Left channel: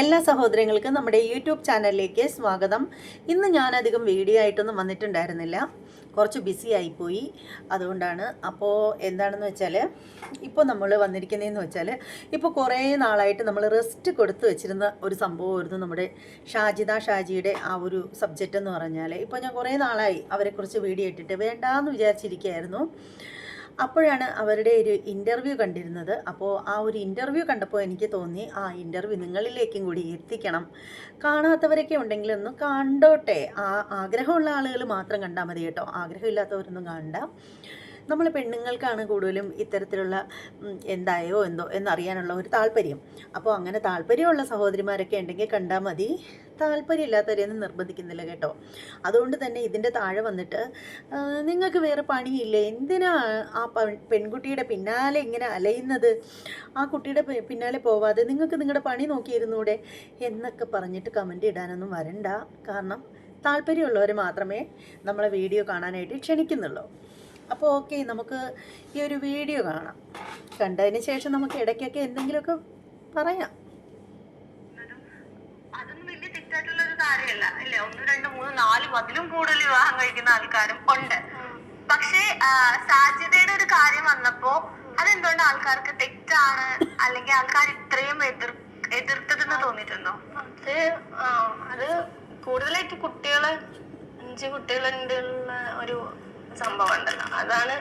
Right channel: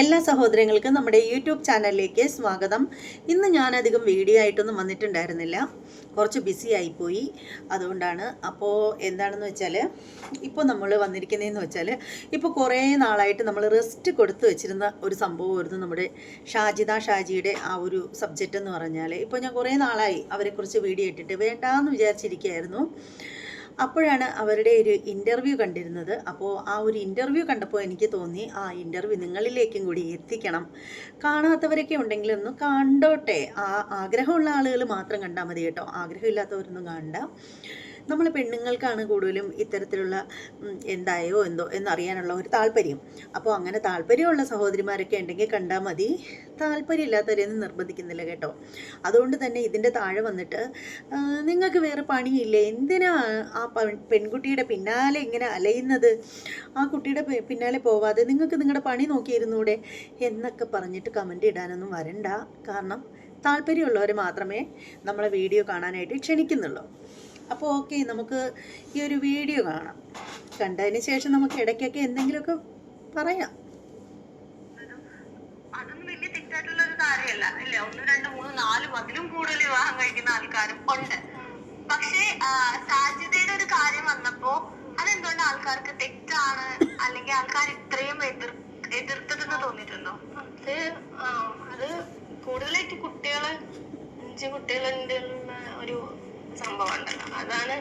എല്ലാ സഹോദരങ്ങൾക്കും നമ്മുടെ യൂട്യൂബ് ചാനലിലേക്ക് സ്വാഗതം. ഇന്ന് ഞാനധികം വീഡിയോ ആയിട്ടൊന്നും വന്നിട്ടുണ്ടായിരുന്നില്ല. കുറച്ച് ബിസി ആയിപ്പോയി. അതുകൊണ്ടാണ് അപ്പോൾ എന്താണെന്ന് വെച്ചാൽ ഇപ്പോൾ നമ്മൾ വന്നിരിക്കുന്നതെന്ന് വെച്ചാൽ ഇപ്പോൾ കുറേ നാളായിട്ട് നമ്മൾ റെസ്റ്റ് കൊടുത്തു വെച്ചിരുന്ന ഒരു സംഭവമായിരുന്നു നമ്മുടെ ഷാജിദ ഷാജിയുടെ ആ ഒരു സബ്ജക്റ്റ് എന്ന് പറഞ്ഞാൽ ഇപ്പോൾ ഞാൻ കുറേ നാളായി അവരെക്കുറിച്ച് വീഡിയോ ഇട്ടിട്ട് വേണ്ടാന്ന് വിചാരിച്ചിരിക്കുകയായിരുന്നു. അപ്പോഴാണ് അവരുടെ ഒരു ഇന്റർവ്യൂ കണ്ടിരുന്നത്. അപ്പോൾ ആ ഒരു ഇന്റർവ്യൂ കണ്ടപ്പോൾ എനിക്ക് തോന്നി ആ ഇന്റർവ്യൂ നിങ്ങളിലേക്കും കൂടി എത്തിക്കണം. കാണാത്തവരൊക്കെ ഉണ്ടെങ്കിൽ ഒന്ന് കണ്ടോട്ടെ. ആ ആഗ്രഹമുള്ള ആളുകൾ മാത്രം കണ്ടാൽ മതി കേട്ടോ. ആഗ്രഹമില്ലാത്തവരൊന്നും കാണണ്ട നമ്മൾ പെണ്ണുങ്ങൾക്കാണ് കൂടുതലും ഇത്തരത്തിലുള്ള എന്തായോ എന്തോ എന്നറിയാനുള്ള ഒരു താല്പര്യം. അപ്പോൾ അങ്ങനെ താല്പര്യമുള്ള സഹോദരിമാരൊക്കെ ഉണ്ടെങ്കിൽ കണ്ടാൽ മതി. താല്പര്യമില്ലാത്തവരെയൊന്നും നിർബന്ധിക്കുന്നില്ല കേട്ടോ. അതുകൊണ്ട് തന്നെ ഇതിന്റെ താഴെ വന്നിട്ട് നിങ്ങൾക്ക് വേറെ പണിയില്ല? എന്തിനാ ആ പെൺകുട്ടിയുടെ പിന്നാലെ ഇങ്ങനെ അലയുന്നത്? ആ കുട്ടിയുടെ പിന്നാലെ പോവാതെ നിങ്ങൾക്ക് നിങ്ങളുടെ പണി നോക്കിയിരുന്നൂടെ? എന്നൊക്കെ പറഞ്ഞിട്ട് കമന്റ് ഇടാനൊന്നും വരണ്ട. കാരണം താല്പര്യമുള്ളവർ മാത്രമേ നമ്മളെ വീഡിയോ കാണാനായിട്ട് ക്ഷണിക്കുന്നുള്ളൂ. അപ്പോൾ ഓക്കെ നമുക്ക് ഈ ഒരു വീഡിയോ കാണാം. കണ്ടതിന് ശേഷം നമുക്ക് ഇടയ്ക്കൊക്കെ എന്തെങ്കിലുമൊക്കെ പറയാം. അതൊന്നും വലിയ തെറ്റായിട്ടുള്ള ഒരു കാര്യമല്ല അല്ലേ? ഒന്ന് രണ്ട് മൂന്ന് നാല് അതിലും കൂടുതൽ വിവാഹം കഴിക്കുന്ന ആൾക്കാരും ഉണ്ട്. പക്ഷേ സാധ്യതയുടെ ഒരു കാര്യം വന്നപ്പോ അതെന്തുകൊണ്ട് ആൾക്കാർക്ക് തെറ്റാണ്? അല്ലെങ്കിൽ ആൾക്കാർ ഇത്രയും എതിർ എതിർത്തതെന്ന് തോന്നിയിട്ടുണ്ടോ? അത് അത് കൂടുതലായിട്ട് കുട്ടികൾ അഞ്ച് കുട്ടികളുണ്ട് ഒരു സംഭവം ഉണ്ടല്ലോ അതാണ്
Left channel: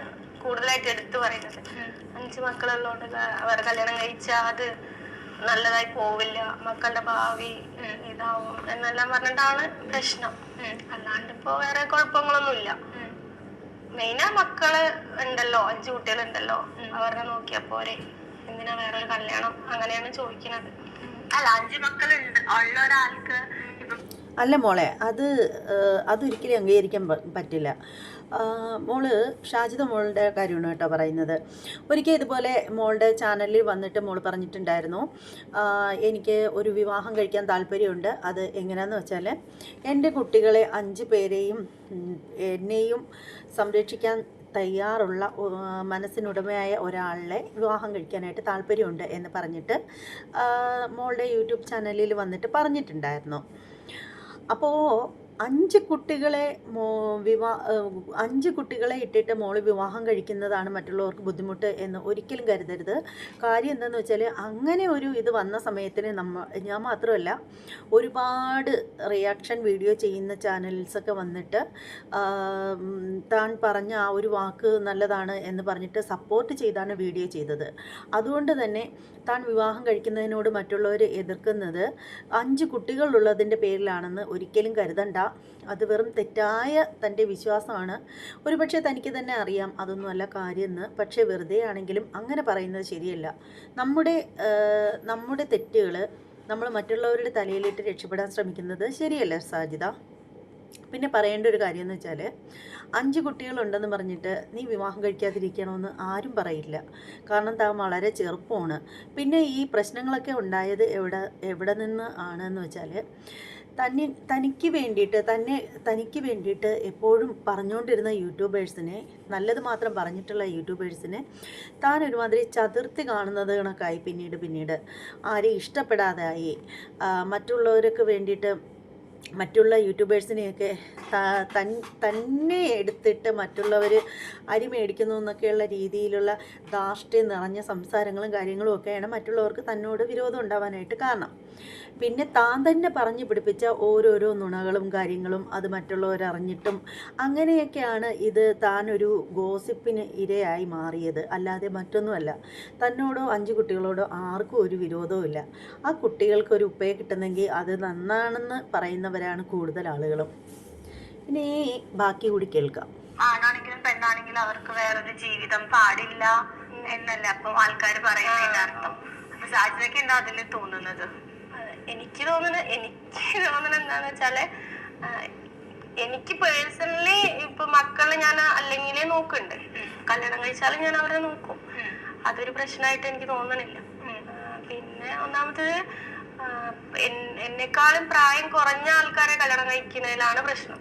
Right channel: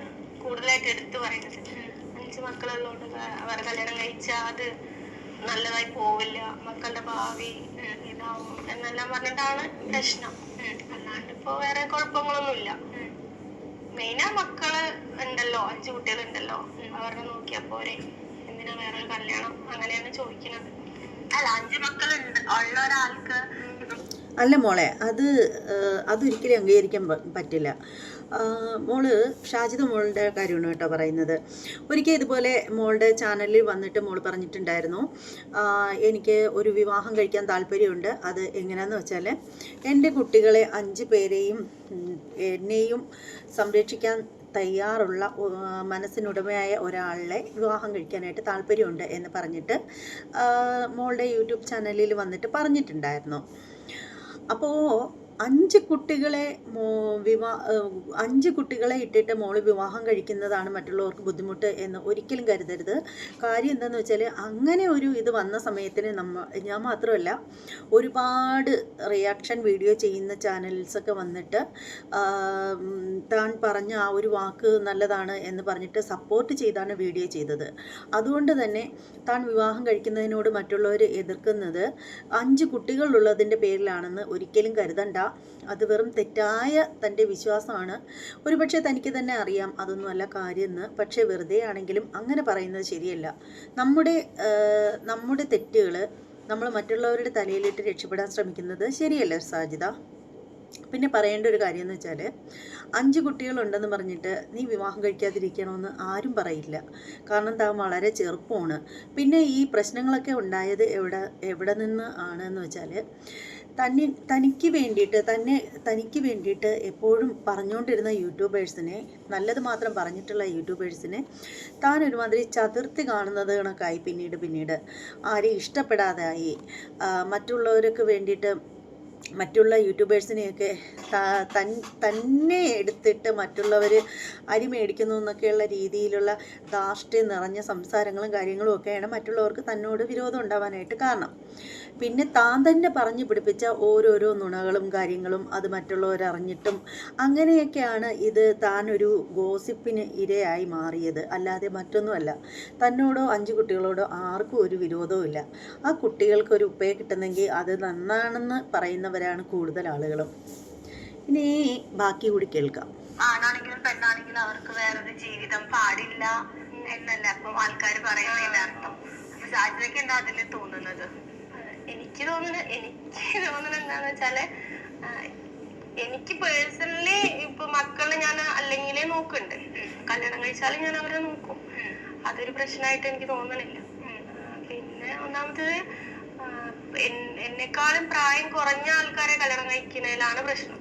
കൂടുതലായിട്ട് എടുത്തു പറയുന്നത്. അഞ്ച് മക്കളുള്ളതുകൊണ്ട് അവരെ കല്യാണം കഴിച്ചാൽ അത് നല്ലതായി പോവില്ല. മക്കളുടെ ഭാവി ഇതാവും എന്നെല്ലാം പറഞ്ഞിട്ടാണ് പ്രശ്നം. അല്ലാണ്ട് ഇപ്പൊ വേറെ കുഴപ്പങ്ങളൊന്നുമില്ല. മെയിനാ മക്കൾ ഉണ്ടല്ലോ അഞ്ചു കുട്ടികളുണ്ടല്ലോ. അവരെ നോക്കിയാ പോരെ. എന്തിനാ വേറെ ഒരു കല്യാണം? അങ്ങനെയാണ് ചോദിക്കുന്നത്. അല്ല അഞ്ചു മക്കളുണ്ട്. ഉള്ള ഒരാൾക്ക് അല്ല മോളെ അത് അതൊരിക്കലും അംഗീകരിക്കാൻ പറ്റില്ല. മോൾ ഷാജിത മോളുടെ കാര്യമാണ് കേട്ടോ പറയുന്നത്. ഒരിക്കൽ ഇതുപോലെ മോളുടെ ചാനലിൽ വന്നിട്ട് മോൾ പറഞ്ഞിട്ടുണ്ടായിരുന്നു എനിക്ക് ഒരു വിവാഹം കഴിക്കാൻ താല്പര്യമുണ്ട് അത് എങ്ങനെയാണെന്ന് വെച്ചാൽ എന്റെ കുട്ടികളെ അഞ്ച് പേരെയും എന്നെയും സംരക്ഷിക്കാൻ തയ്യാറുള്ള മനസ്സിനുടമയായ ഒരാളെ വിവാഹം കഴിക്കാനായിട്ട് താല്പര്യമുണ്ട് എന്ന് പറഞ്ഞിട്ട് മോളുടെ യൂട്യൂബ് ചാനലിൽ വന്നിട്ട് പറഞ്ഞിട്ടുണ്ടായിരുന്നു. അപ്പോൾ അഞ്ച് കുട്ടികളെ വിവാ അഞ്ച് കുട്ടികളെ ഇട്ടിട്ട് മോൾ വിവാഹം കഴിക്കുന്നതാണ് മറ്റുള്ളവർക്ക് ബുദ്ധിമുട്ട് എന്ന് ഒരിക്കലും കരുതരുത്. കാര്യം എന്താണെന്ന് വെച്ചാൽ അങ്ങനെ ഒരു ഇത് വന്ന സമയത്തിന് നമ്മ ഞാൻ മാത്രമല്ല ഒരുപാട് റിയാക്ഷൻ വീഡിയോ ചെയ്യുന്ന ചാനൽസൊക്കെ വന്നിട്ട് താൻ പറഞ്ഞ ആ ഒരു വാക്ക് നല്ലതാണ് എന്ന് പറഞ്ഞിട്ട് സപ്പോർട്ട് ചെയ്താണ് വീഡിയോ ചെയ്തത്. അതുകൊണ്ട് തന്നെ താൻ വിവാഹം കഴിക്കുന്നതിനോട് മറ്റുള്ളവർ എതിർക്കുന്നത് അഞ്ച് കുട്ടികളുള്ളതിന്റെ പേരിലാണെന്ന് ഒരിക്കലും കരുതണ്ട. അത് വെറും തെറ്റായ തന്റെ വിശ്വാസമാണ്. ഒരുപക്ഷെ തനിക്ക് തന്നെ അറിയാം അതൊന്നുമല്ല കാര്യമെന്ന്. പക്ഷേ വെറുതെ ആണെങ്കിലും അങ്ങനെ പറയുന്നത് ശരിയല്ല. നമ്മുടെ നമ്മുടെ തെറ്റുകൾ നമ്മൾ മറ്റുള്ളവരുടെ തലയിലിട്ട് രക്ഷപ്പെടാൻ ശ്രമിക്കുന്നത് ശരിയല്ല സാജിത പിന്നെ പറയേണ്ട ഒരു കാര്യം എന്ന് വെച്ചാൽ അഞ്ച് കുട്ടികളുണ്ടെന്ന് പറഞ്ഞിട്ട് നീ വിവാഹം കഴിക്കാതിരിക്കണമെന്ന് ആരും പറയില്ല. കാരണം താൻ വളരെ ചെറുപ്പമാണ്. പിന്നെ ഈ പ്രശ്നങ്ങളൊക്കെ ഉണ്ടായത് എവിടെ എവിടെ നിന്ന് ആണെന്ന് വെച്ചാൽ തന്നെ തനിക്ക് വേണ്ടിയിട്ട് തന്നെ തനിക്ക് വേണ്ടിയിട്ട് എപ്പോഴും പറഞ്ഞുകൊണ്ടിരുന്ന യൂട്യൂബേഴ്സിനെ നല്ലത് മാത്രം പറഞ്ഞിട്ടുള്ള യൂട്യൂബേഴ്സിനെ താൻ ഒരുമാതിരി ചതുർത്തി കാണുന്നത് കണക്കായി പിന്നീട് പിന്നീട്. ആരെയും ഇഷ്ടപ്പെടാതായി. മറ്റുള്ളവർക്ക് വേണ്ടിയിട്ട് മറ്റുള്ള യൂട്യൂബേഴ്സിനെയൊക്കെ തൻ- തന്നെ എടുത്തിട്ട് മറ്റുള്ളവർ അരി മേടിക്കുന്നു എന്നൊക്കെയുള്ള രീതിയിലുള്ള ധാർഷ്ട്യം നിറഞ്ഞ സംസാരങ്ങളും കാര്യങ്ങളും ഒക്കെയാണ് മറ്റുള്ളവർക്ക് തന്നോട് വിരോധം ഉണ്ടാവാനായിട്ട് കാരണം. പിന്നെ താൻ തന്നെ പറഞ്ഞു പിടിപ്പിച്ച ഓരോരോ നുണകളും കാര്യങ്ങളും അത് മറ്റുള്ളവരറിഞ്ഞിട്ടും അങ്ങനെയൊക്കെയാണ് ഇത് താൻ ഒരു ഗോസിപ്പിന് ഇരയായി മാറിയത്. അല്ലാതെ മറ്റൊന്നുമല്ല. തന്നോടോ അഞ്ച് കുട്ടികളോടോ ആർക്കും ഒരു വിരോധവും ഇല്ല ആ കുട്ടികൾക്ക് ഒരു ഉപ്പയെ കിട്ടുന്നെങ്കിൽ അത് നന്നാണെന്ന് പറയുന്നവരാണ് കൂടുതൽ ആളുകളും. ഇനി ബാക്കി കൂടി കേൾക്കാം. ആണാണെങ്കിലും പെണ്ണാണെങ്കിലും അവർക്ക് വേറൊരു ജീവിതം പാടില്ല എന്നല്ല അപ്പൊ ആൾക്കാർ പറയുന്നതിന്റെ അർത്ഥം അപ്പൊ സാധ്യതയ്ക്ക് എന്താ അതിൽ തോന്നുന്നത്? എനിക്ക് തോന്നുന്നത് എനിക്ക് തോന്നുന്നത് എന്താന്ന് വെച്ചാൽ എനിക്ക് പേഴ്സണലി ഇപ്പൊ മക്കളെ ഞാൻ അല്ലെങ്കിലേ നോക്കുന്നുണ്ട് കല്യാണം കഴിച്ചാലും ഞാൻ അവരെ നോക്കും. അതൊരു പ്രശ്നമായിട്ട് എനിക്ക് തോന്നണില്ല. പിന്നെ ഒന്നാമത്തത് എന്നെക്കാളും പ്രായം കുറഞ്ഞ ആൾക്കാരെ കല്യാണം കഴിക്കുന്നതിലാണ് പ്രശ്നം.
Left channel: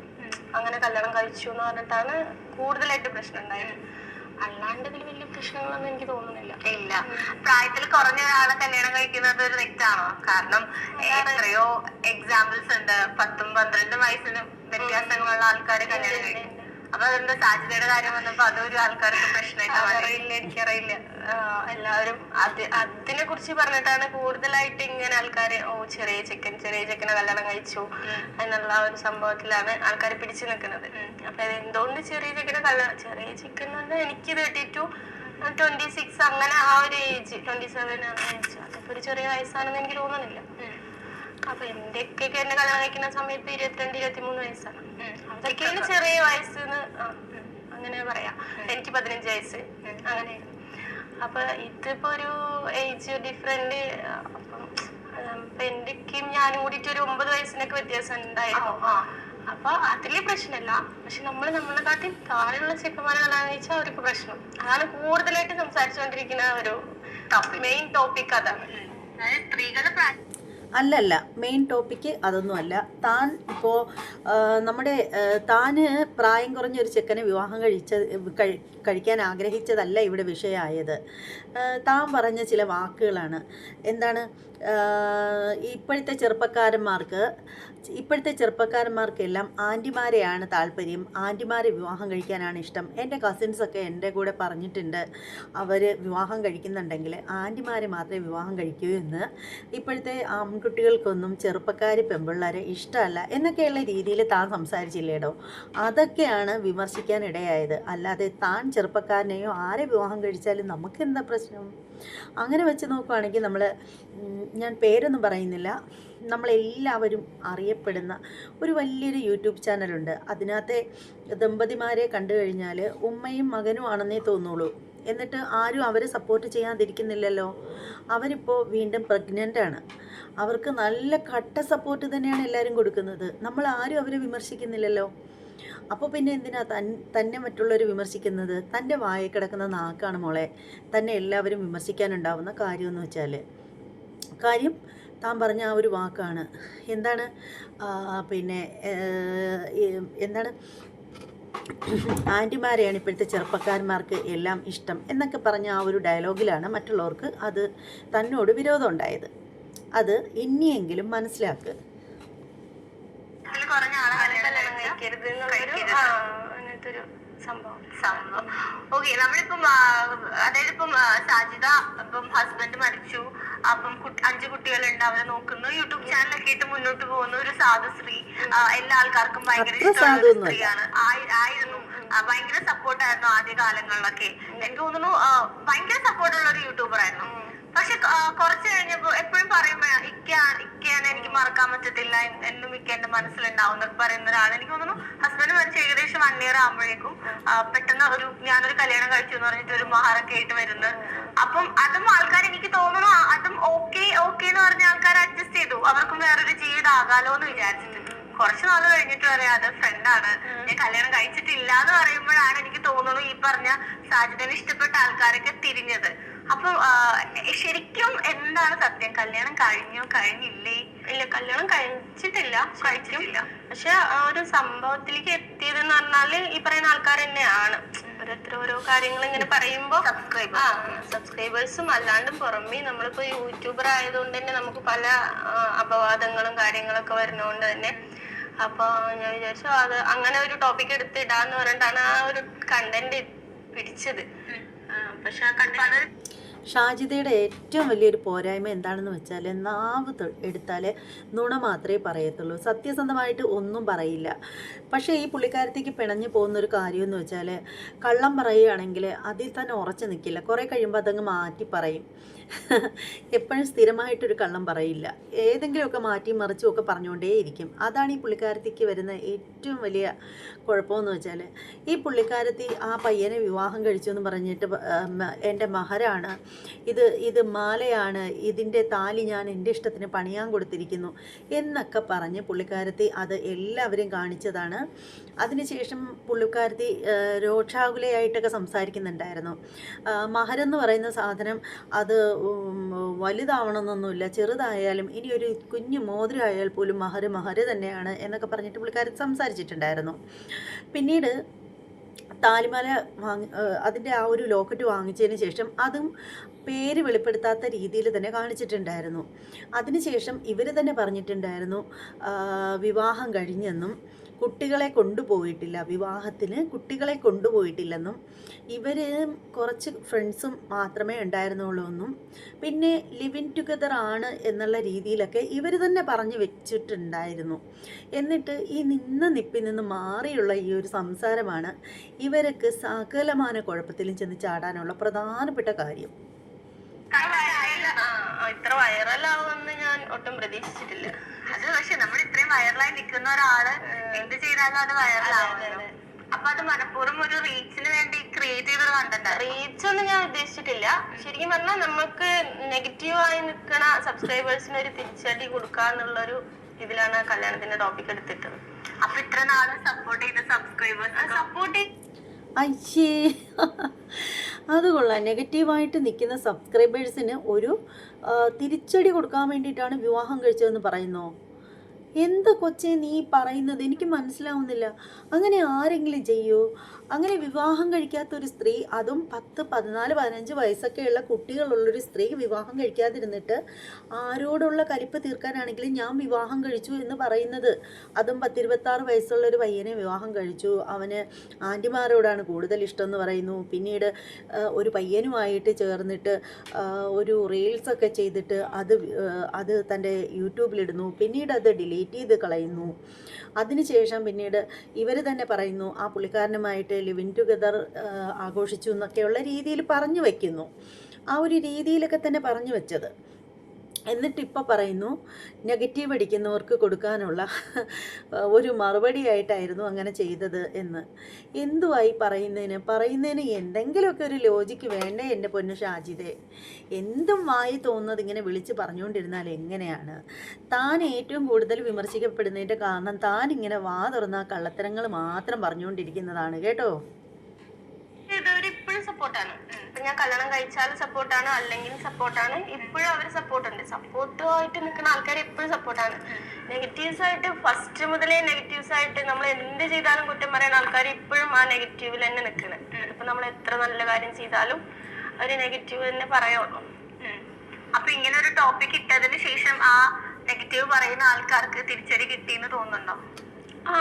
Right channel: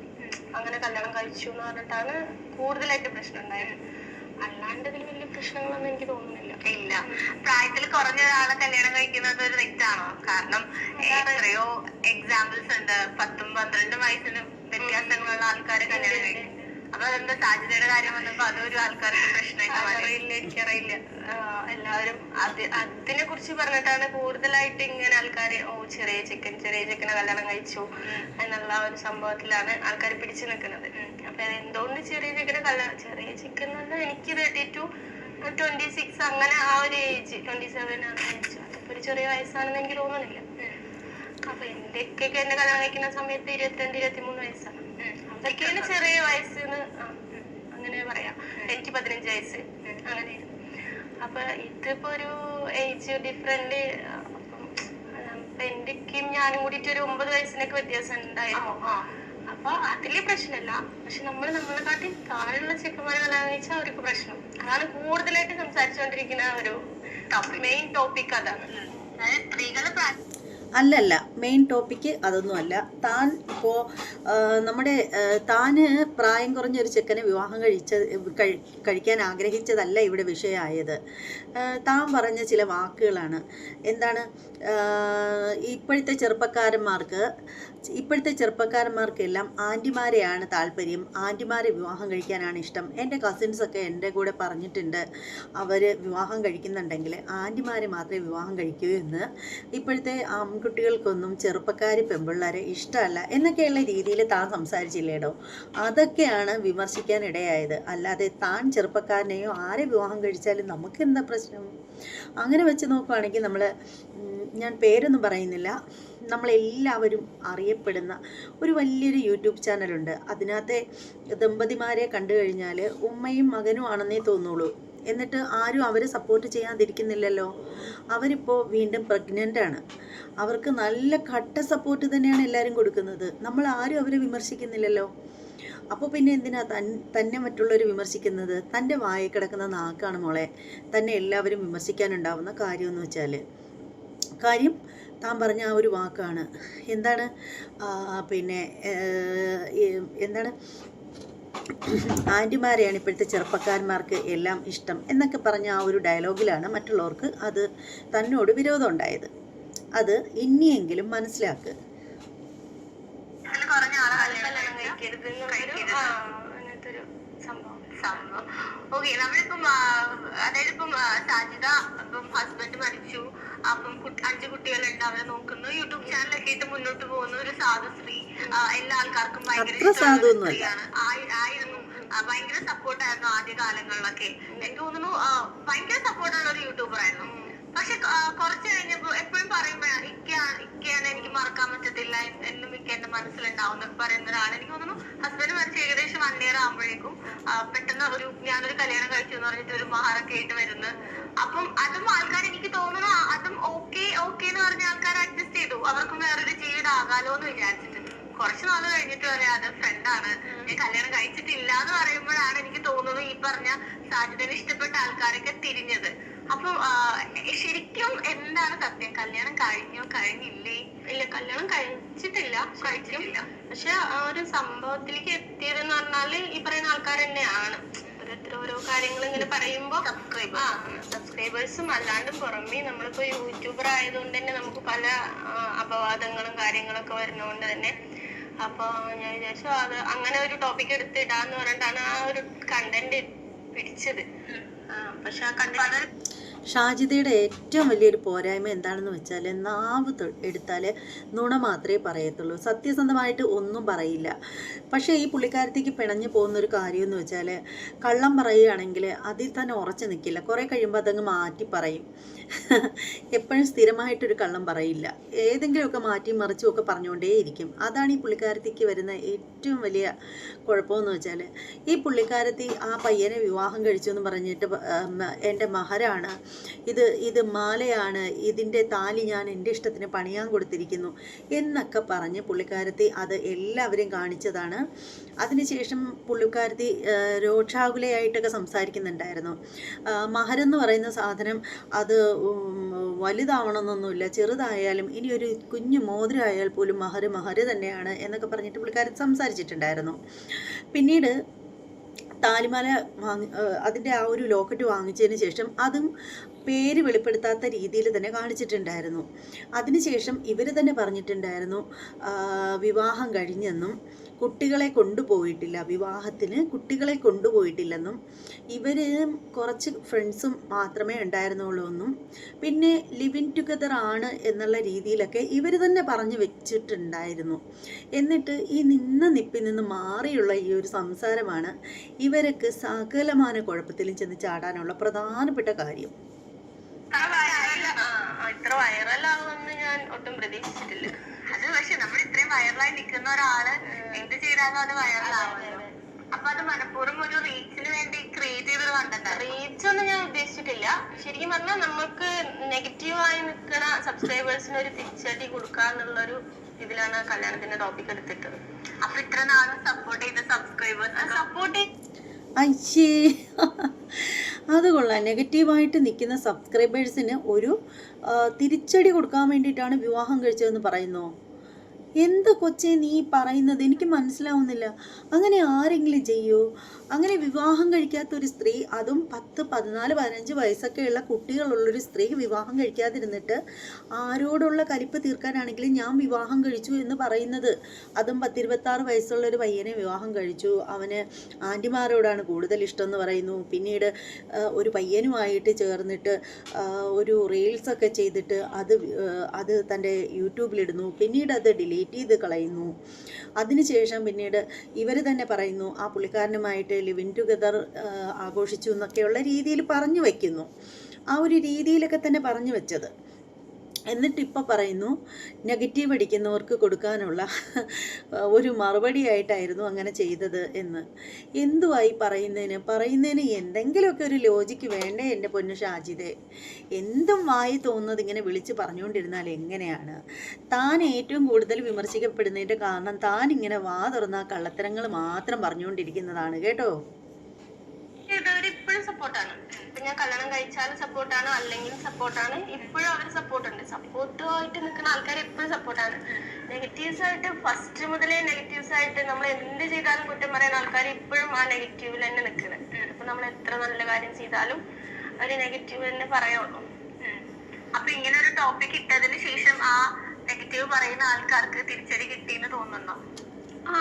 അങ്ങനെ കല്യാണം കഴിച്ചു എന്ന് പറഞ്ഞിട്ടാണ് കൂടുതലായിട്ട് പ്രശ്നം ഉണ്ടായത്. അല്ലാണ്ട് ഇതിൽ വലിയ പ്രശ്നങ്ങളൊന്നും എനിക്ക് തോന്നുന്നില്ല. ഇല്ല. പ്രായത്തിൽ കുറഞ്ഞ ഒരാളെ കല്യാണം കഴിക്കുന്നത് ഒരു തെറ്റാണോ? കാരണം എത്രയോ എക്സാമ്പിൾസ് ഉണ്ട്. പത്തും പന്ത്രണ്ടും വയസ്സിന് വ്യത്യാസങ്ങളുള്ള ആൾക്കാരെ കല്യാണം കഴിക്കും അപ്പൊ അതെന്താ സാധ്യതയുടെ കാര്യം വന്നപ്പോ അതൊരു ആൾക്കാർക്ക് പ്രശ്നമായിട്ട് മാറി. അറിയില്ല എല്ലാവരും അത് അതിനെ കുറിച്ച് പറഞ്ഞിട്ടാണ് കൂടുതലായിട്ട് ഇങ്ങനെ ആൾക്കാര് ഓ ചെറിയ ചിക്കൻ ചെറിയ ചിക്കൻ കല്യാണം കഴിച്ചു എന്നുള്ള ഒരു സംഭവത്തിലാണ് ആൾക്കാർ പിടിച്ചു നിൽക്കുന്നത്. അപ്പൊ എന്തുകൊണ്ട് ചെറിയ ചിക്കൻ കല്യാണം ചെറിയ ചിക്കൻ എന്ന് പറഞ്ഞാൽ എനിക്ക് തേർട്ടി ടു ട്വന്റി സിക്സ് അങ്ങനെ ആ ഒരു ഏജ് ട്വന്റി സെവൻ ആ ഏജ് അതൊക്കെ ഒരു ചെറിയ വയസ്സാണെന്ന് എനിക്ക് തോന്നുന്നില്ല. അപ്പൊ എന്റെ ഒക്കെ എന്നെ കല്യാണം കഴിക്കുന്ന സമയത്ത് ഇരുപത്തിരണ്ട് ഇരുപത്തിമൂന്ന് വയസ്സാണ്. അതൊക്കെയാണ് ചെറിയ വയസ്സെന്ന് അങ്ങനെ പറയാം. എനിക്ക് പതിനഞ്ച് വയസ്സ്. അങ്ങനെയായിരുന്നു. അപ്പൊ ഇതിപ്പോ ഒരു ഏജ് ഡിഫറെന്റ് എന്റെക്കും ഞാനും കൂടിയിട്ട് ഒരു ഒമ്പത് വയസ്സിനൊക്കെ വ്യത്യാസം ഉണ്ടായിരുന്നു. അപ്പൊ അതിൽ പ്രശ്നമല്ല പക്ഷെ നമ്മൾ നമ്മളെ കാട്ടി താഴെയുള്ള ചെക്കന്മാരെ കാണാന്ന് കഴിച്ചാൽ അവർക്ക് പ്രശ്നം. അതാണ് കൂടുതലായിട്ട് സംസാരിച്ചുകൊണ്ടിരിക്കുന്ന ഒരു മെയിൻ ടോപ്പിക് അതാണ്. അതായത് സ്ത്രീകൾ അല്ലല്ല മെയിൻ ടോപ്പിക്ക് അതൊന്നുമല്ല. താൻ ഇപ്പോൾ നമ്മുടെ താന് പ്രായം കുറഞ്ഞ ഒരു ചെക്കനെ വിവാഹം കഴിച്ച കഴിക്കാൻ ആഗ്രഹിച്ചതല്ല ഇവിടെ വിഷയമായത് താൻ പറഞ്ഞ ചില വാക്കുകളാണ്. എന്താണ്? ഇപ്പോഴത്തെ ചെറുപ്പക്കാരന്മാർക്ക് ഇപ്പോഴത്തെ ചെറുപ്പക്കാരന്മാർക്കെല്ലാം ആന്റിമാരെയാണ് താല്പര്യം. ആന്റിമാരെ വിവാഹം കഴിക്കാനാണ് ഇഷ്ടം. എന്റെ കസിൻസൊക്കെ എന്റെ കൂടെ പറഞ്ഞിട്ടുണ്ട് അവർ വിവാഹം കഴിക്കുന്നുണ്ടെങ്കിൽ ആന്റിമാരെ മാത്രമേ വിവാഹം കഴിക്കൂ എന്ന്. ഇപ്പോഴത്തെ ആൺകുട്ടികൾക്കൊന്നും ചെറുപ്പക്കാർ പെൺപിള്ളേരെ ഇഷ്ടമല്ല എന്നൊക്കെയുള്ള രീതിയിൽ താൻ സംസാരിച്ചില്ലേടോ? അതൊക്കെയാണ് വിമർശിക്കാൻ ഇടയായത് അല്ലാതെ താൻ ചെറുപ്പക്കാരനെയോ ആരെ വിവാഹം കഴിച്ചാലും നമുക്ക് എന്താ പ്രശ്നം? അങ്ങനെ വെച്ച് നോക്കുവാണെങ്കിൽ നമ്മൾ ഞാൻ പേരൊന്നും പറയുന്നില്ല. നമ്മളെല്ലാവരും അറിയപ്പെടുന്ന ഒരു വലിയൊരു യൂട്യൂബ് ചാനലുണ്ട്. അതിനകത്തെ ദമ്പതിമാരെ കണ്ടു കഴിഞ്ഞാൽ ഉമ്മയും മകനും ആണെന്നേ തോന്നുള്ളൂ. എന്നിട്ട് ആരും അവരെ സപ്പോർട്ട് ചെയ്യാതിരിക്കുന്നില്ലല്ലോ. അവരിപ്പോൾ വീണ്ടും പ്രഗ്നന്റ് ആണ്. അവർക്ക് നല്ല കട്ട സപ്പോർട്ട് തന്നെയാണ് എല്ലാവരും കൊടുക്കുന്നത്. നമ്മൾ ആരും അവരെ വിമർശിക്കുന്നില്ലല്ലോ. അപ്പോൾ പിന്നെ എന്തിനാ തൻ തന്നെ മറ്റുള്ളവർ വിമർശിക്കുന്നത്? തന്റെ വായിൽ കിടക്കുന്ന നാക്കാണ് മോളെ. തന്നെ എല്ലാവരും വിമർശിക്കാനുണ്ടാവുന്ന കാര്യമെന്ന് വെച്ചാൽ കാര്യം താൻ പറഞ്ഞ ആ ഒരു വാക്കാണ്. എന്താണ്? പിന്നെ എന്താണ്? ആന്റിമാരെയാണ് ഇപ്പോഴത്തെ ചെറുപ്പക്കാരന്മാർക്ക് എല്ലാം ഇഷ്ടം എന്നൊക്കെ പറഞ്ഞ ആ ഒരു ഡയലോഗിലാണ് മറ്റുള്ളവർക്ക് അത് തന്നോട് വിരോധം ഉണ്ടായത്. അത് ഇനിയെങ്കിലും മനസ്സിലാക്ക്. ഒരു സംഭവം. ഓക്കെ നമ്മളിപ്പം ആ, അതായത് ഇപ്പം ആ, സാജിദ ഇപ്പം ഹസ്ബൻഡ് മരിച്ചു. അപ്പം അഞ്ചു അഞ്ച് കുട്ടികളുണ്ട് അവരെ നോക്കുന്നു. യൂട്യൂബ് ചാനലൊക്കെ മുന്നോട്ട് പോകുന്ന ഒരു സാധു സ്ത്രീ എല്ലാ ആൾക്കാർക്കും ഭയങ്കര അത്ര ഇഷ്ടമുള്ള സ്ത്രീയാണ്. ആയിരുന്നു. ഭയങ്കര സപ്പോർട്ടായിരുന്നു ആദ്യ കാലങ്ങളിലൊക്കെ എനിക്ക് തോന്നുന്നു ഭയങ്കര സപ്പോർട്ടുള്ള ഒരു യൂട്യൂബർ ആയിരുന്നു. പക്ഷെ കുറച്ച് കഴിഞ്ഞപ്പോ എപ്പോഴും പറയുമ്പോ ഇക്കയാണ് ഇക്കയാണ് എനിക്ക് മറക്കാൻ പറ്റത്തില്ല എന്നും ഇക്ക എന്റെ മനസ്സിലുണ്ടാവും പറയുന്ന ഒരാൾ എനിക്ക് തോന്നുന്നു ഹസ്ബൻഡ് മരിച്ച ഏകദേശം വൺ ഇയർ ആകുമ്പോഴേക്കും പെട്ടെന്ന് ഒരു ഞാനൊരു കല്യാണം കഴിച്ചു എന്ന് പറഞ്ഞിട്ട് ഒരു മഹാറൊക്കെ ആയിട്ട് വരുന്നത് അപ്പം അതും ആൾക്കാർ എനിക്ക് തോന്നുന്നു അതും ഓക്കെ ഓക്കെ എന്ന് പറഞ്ഞ ആൾക്കാർ അഡ്ജസ്റ്റ് ചെയ്തു. അവർക്കും വേറൊരു ജീവിതം ആകാലോ എന്ന് വിചാരിച്ചിട്ട്. കുറച്ച് നാൾ കഴിഞ്ഞിട്ട് പറയാം അത് ഫ്രണ്ടാണ് ഞാൻ കല്യാണം കഴിച്ചിട്ടില്ല എന്ന് പറയുമ്പോഴാണ് എനിക്ക് തോന്നുന്നു ഈ പറഞ്ഞ സാജിദിനെ ഇഷ്ടപ്പെട്ട ആൾക്കാരൊക്കെ തിരിഞ്ഞത്. അപ്പൊ ശരിക്കും എന്താണ് സത്യം? കല്യാണം കഴിഞ്ഞോ? കഴിഞ്ഞില്ലേ? ഇല്ല കല്യാണം കഴിച്ചിട്ടില്ല. കഴിച്ചിട്ടില്ല. പക്ഷെ ആ ഒരു സംഭവത്തിലേക്ക് എത്തിയതെന്ന് പറഞ്ഞാൽ ഈ പറയുന്ന ആൾക്കാർ തന്നെയാണ്. ഓരോരുത്തർ ഓരോ കാര്യങ്ങൾ ഇങ്ങനെ പറയുമ്പോ സബ്സ്ക്രൈബ് ആ സബ്സ്ക്രൈബേഴ്സും അല്ലാണ്ടും പുറമേ നമ്മളിപ്പോ യൂട്യൂബർ ആയതുകൊണ്ട് തന്നെ നമുക്ക് പല അപവാദങ്ങളും കാര്യങ്ങളൊക്കെ വരുന്നതുകൊണ്ട് തന്നെ. അപ്പൊ ഞാൻ വിചാരിച്ചു അത് അങ്ങനെ ഒരു ടോപ്പിക് എടുത്ത് ഇടാന്ന് പറഞ്ഞിട്ടാണ് ആ ഒരു കണ്ടന്റ് പിടിച്ചത്. ഷാജിദയുടെ ഏറ്റവും വലിയൊരു പോരായ്മ എന്താണെന്ന് വെച്ചാൽ നാവ് എടുത്താൽ നുണ മാത്രമേ പറയത്തുള്ളൂ. സത്യസന്ധമായിട്ട് ഒന്നും പറയില്ല. പക്ഷേ ഈ പുള്ളിക്കാരത്തേക്ക് പിണഞ്ഞു പോകുന്ന ഒരു കാര്യം എന്ന് വെച്ചാൽ കള്ളം പറയുകയാണെങ്കിൽ അതിൽ തന്നെ ഉറച്ചു നിൽക്കില്ല കുറേ കഴിയുമ്പോൾ അതങ്ങ് മാറ്റി പറയും. എപ്പോഴും സ്ഥിരമായിട്ടൊരു കള്ളം പറയില്ല. ഏതെങ്കിലുമൊക്കെ മാറ്റി മറിച്ചും ഒക്കെ പറഞ്ഞുകൊണ്ടേയിരിക്കും. അതാണ് ഈ പുള്ളിക്കാരത്തിക്ക് വരുന്ന ഏറ്റവും വലിയ കുഴപ്പമെന്ന് വെച്ചാൽ ഈ പുള്ളിക്കാരത്തി ആ പയ്യനെ വിവാഹം കഴിച്ചു എന്ന് പറഞ്ഞിട്ട് എന്റെ മഹരാണ്. ഇത് ഇത് മാലയാണ്. ഇതിന്റെ താലി ഞാൻ എന്റെ ഇഷ്ടത്തിന് പണിയാൻ കൊടുത്തിരിക്കുന്നു എന്നൊക്കെ പറഞ്ഞ് പുള്ളിക്കാരത്തി അത് എല്ലാവരെയും കാണിച്ചതാണ്. അതിനുശേഷം പുള്ളിക്കാരത്തി രോക്ഷാകുലയായിട്ടൊക്കെ സംസാരിക്കുന്നുണ്ടായിരുന്നു. മഹരെന്ന് പറയുന്ന സാധനം അത് വലുതാവണമെന്നൊന്നുമില്ല. ചെറുതായാലും ഇനി ഒരു കുഞ്ഞു മോതിരമായാൽ പോലും മഹര് മഹര് തന്നെയാണ് എന്നൊക്കെ പറഞ്ഞിട്ട് പുള്ളിക്കാരൻ സംസാരിച്ചിട്ടുണ്ടായിരുന്നു. പിന്നീട് താലിമാല വാങ്ങി അതിന്റെ ആ ഒരു ലോക്കറ്റ് വാങ്ങിച്ചതിന് ശേഷം അതും പേര് വെളിപ്പെടുത്താത്ത രീതിയിൽ തന്നെ കാണിച്ചിട്ടുണ്ടായിരുന്നു. അതിനുശേഷം ഇവർ തന്നെ പറഞ്ഞിട്ടുണ്ടായിരുന്നു വിവാഹം കഴിഞ്ഞെന്നും കുട്ടികളെ കൊണ്ടുപോയിട്ടില്ല. വിവാഹത്തിന് കുട്ടികളെ കൊണ്ടുപോയിട്ടില്ലെന്നും ഇവർ കുറച്ച് ഫ്രണ്ട്സും മാത്രമേ ഉണ്ടായിരുന്നുള്ളൂ എന്നും പിന്നെ ലിവിൻ ടുഗദർ ആണ് എന്നുള്ള രീതിയിലൊക്കെ ഇവർ തന്നെ പറഞ്ഞു വെച്ചിട്ടുണ്ടായിരുന്നു. എന്നിട്ട് ഈ നിന്ന നിപ്പിൽ നിന്ന് മാറിയുള്ള ഈ ഒരു സംസാരമാണ് ഇവർക്ക് സകലമാന കുഴപ്പത്തിലും ചെന്ന് ചാടാനുള്ള പ്രധാനപ്പെട്ട കാര്യം. ഇത്ര വൈറലാവുമെന്ന് ഞാൻ ഒട്ടും പ്രതീക്ഷിച്ചിട്ടില്ല. അത് പക്ഷെ നമ്മൾ ഇത്രയും വൈറലായി നിൽക്കുന്ന ഒരാൾ എന്ത് ചെയ്താലും അത് വൈറലാവുമല്ലോ അപ്പൊ അത് മനഃപൂർവം ഒരു റീച്ചിന് വേണ്ടി ക്രിയേറ്റ് ചെയ്തത് കണ്ടല്ലോ റീച്ച് ഒന്നും ഞാൻ ഉദ്ദേശിച്ചിട്ടില്ല. ശരിക്കും പറഞ്ഞാൽ നമുക്ക് നെഗറ്റീവായി നിൽക്കുന്ന സബ്സ്ക്രൈബേഴ്സിന് ഒരു തിരിച്ചടി കൊടുക്കാന്നുള്ളൊരു ഇതിലാണ് കല്യാണത്തിന്റെ ടോപ്പിക് എടുത്തിട്ടത്. അപ്പൊ ഇത്ര നാൾ സപ്പോർട്ട് ചെയ്ത സബ്സ്ക്രൈബേഴ്സ് സപ്പോർട്ട് അയ്യേ. അത് കൊള്ളാം. നെഗറ്റീവായിട്ട് നിൽക്കുന്ന സബ്സ്ക്രൈബേഴ്സിന് ഒരു തിരിച്ചടി കൊടുക്കാൻ വേണ്ടിയിട്ടാണ് വിവാഹം കഴിച്ചതെന്ന് പറയുന്നോ? എന്താ കൊച്ചേ നീ പറയുന്നത്? എനിക്ക് മനസ്സിലാവുന്നില്ല. അങ്ങനെ ആരെങ്കിലും ചെയ്യൂ? അങ്ങനെ വിവാഹം കഴിക്കാത്ത ഒരു സ്ത്രീ അതും പത്ത് പതിനാല് പതിനഞ്ച് വയസ്സൊക്കെയുള്ള കുട്ടികളുള്ളൊരു സ്ത്രീ വിവാഹം കഴിക്കാതിരുന്നിട്ട് ആരോടുള്ള കലിപ്പ് തീർക്കാനാണെങ്കിലും ഞാൻ വിവാഹം കഴിച്ചു എന്ന് പറയുന്നത്. അതും പത്തിരുപത്താറ് വയസ്സുള്ള ഒരു പയ്യനെ വിവാഹം കഴിച്ചു. അവന് ആന്റിമാരോടാണ് കൂടുതൽ ഇഷ്ടം എന്ന് പറയുന്നു. പിന്നീട് ഒരു പയ്യനുമായിട്ട് ചേർന്നിട്ട് ഒരു റീൽസൊക്കെ ചെയ്തിട്ട് അത് അത് തന്റെ യൂട്യൂബിലിടുന്നു. പിന്നീട് അത് ഡിലീറ്റ് ചെയ്ത് കളയുന്നു. അതിനുശേഷം പിന്നീട് ഇവർ തന്നെ പറയുന്നു ആ പുള്ളിക്കാരനുമായിട്ട് ലിവിൻ ടുഗദർ ആഘോഷിച്ചു എന്നൊക്കെയുള്ള രീതിയിൽ പറഞ്ഞു വയ്ക്കുന്നു ആ ഒരു രീതിയിലൊക്കെ തന്നെ പറഞ്ഞു വെച്ചത്. എന്നിട്ട് ഇപ്പോൾ പറയുന്നു നെഗറ്റീവ് അടിക്കുന്നവർക്ക് കൊടുക്കാനുള്ള ഒരു മറുപടിയായിട്ടായിരുന്നു അങ്ങനെ ചെയ്തത് എന്ന്. എന്തുവായി പറയുന്നതിന്? പറയുന്നതിന് എന്തെങ്കിലുമൊക്കെ ഒരു ലോജിക്ക് വേണ്ടേ എന്റെ പൊന്നു ഷാജിദെ? എന്തും വായി തോന്നുന്നത് ഇങ്ങനെ വിളിച്ച് പറഞ്ഞുകൊണ്ടിരുന്നാൽ എങ്ങനെയാണ്? താൻ ഏറ്റവും കൂടുതൽ വിമർശിക്കപ്പെടുന്നതിന്റെ കാരണം താൻ ഇങ്ങനെ വാ തുറന്ന കള്ളത്തരങ്ങൾ മാത്രം പറഞ്ഞുകൊണ്ടിരിക്കുന്നതാണ് കേട്ടോ? ഇപ്പോഴും സപ്പോർട്ടാണ്. ഇപ്പൊ ഞാൻ കല്യാണം കഴിച്ചാലും സപ്പോർട്ടാണ് അല്ലെങ്കിൽ സപ്പോർട്ടാണ്. ഇപ്പോഴും അവർ സപ്പോർട്ടുണ്ട്. സപ്പോർട്ടുമായിട്ട് നിൽക്കുന്ന ആൾക്കാർ എപ്പോഴും സപ്പോർട്ടാണ്. നെഗറ്റീവ്സ് ആയിട്ട് ഫസ്റ്റ് മുതലേ നെഗറ്റീവ്സ് ആയിട്ട് നമ്മൾ എന്ത് ചെയ്താലും കുറ്റം പറയുന്ന ആൾക്കാർ ഇപ്പോഴും ആ നെഗറ്റീവിൽ തന്നെ നിൽക്കുന്നത് ഇപ്പൊ നമ്മൾ എത്ര നല്ല കാര്യം ചെയ്താലും ഒരു നെഗറ്റീവ് തന്നെ പറയുള്ളൂ. അപ്പൊ ഇങ്ങനെ ഒരു ടോപ്പിക് ഇട്ടതിന് ശേഷം ആ നെഗറ്റീവ് പറയുന്ന ആൾക്കാർക്ക് തിരിച്ചടി കിട്ടിയെന്ന് തോന്നുന്നുണ്ടോ? ആ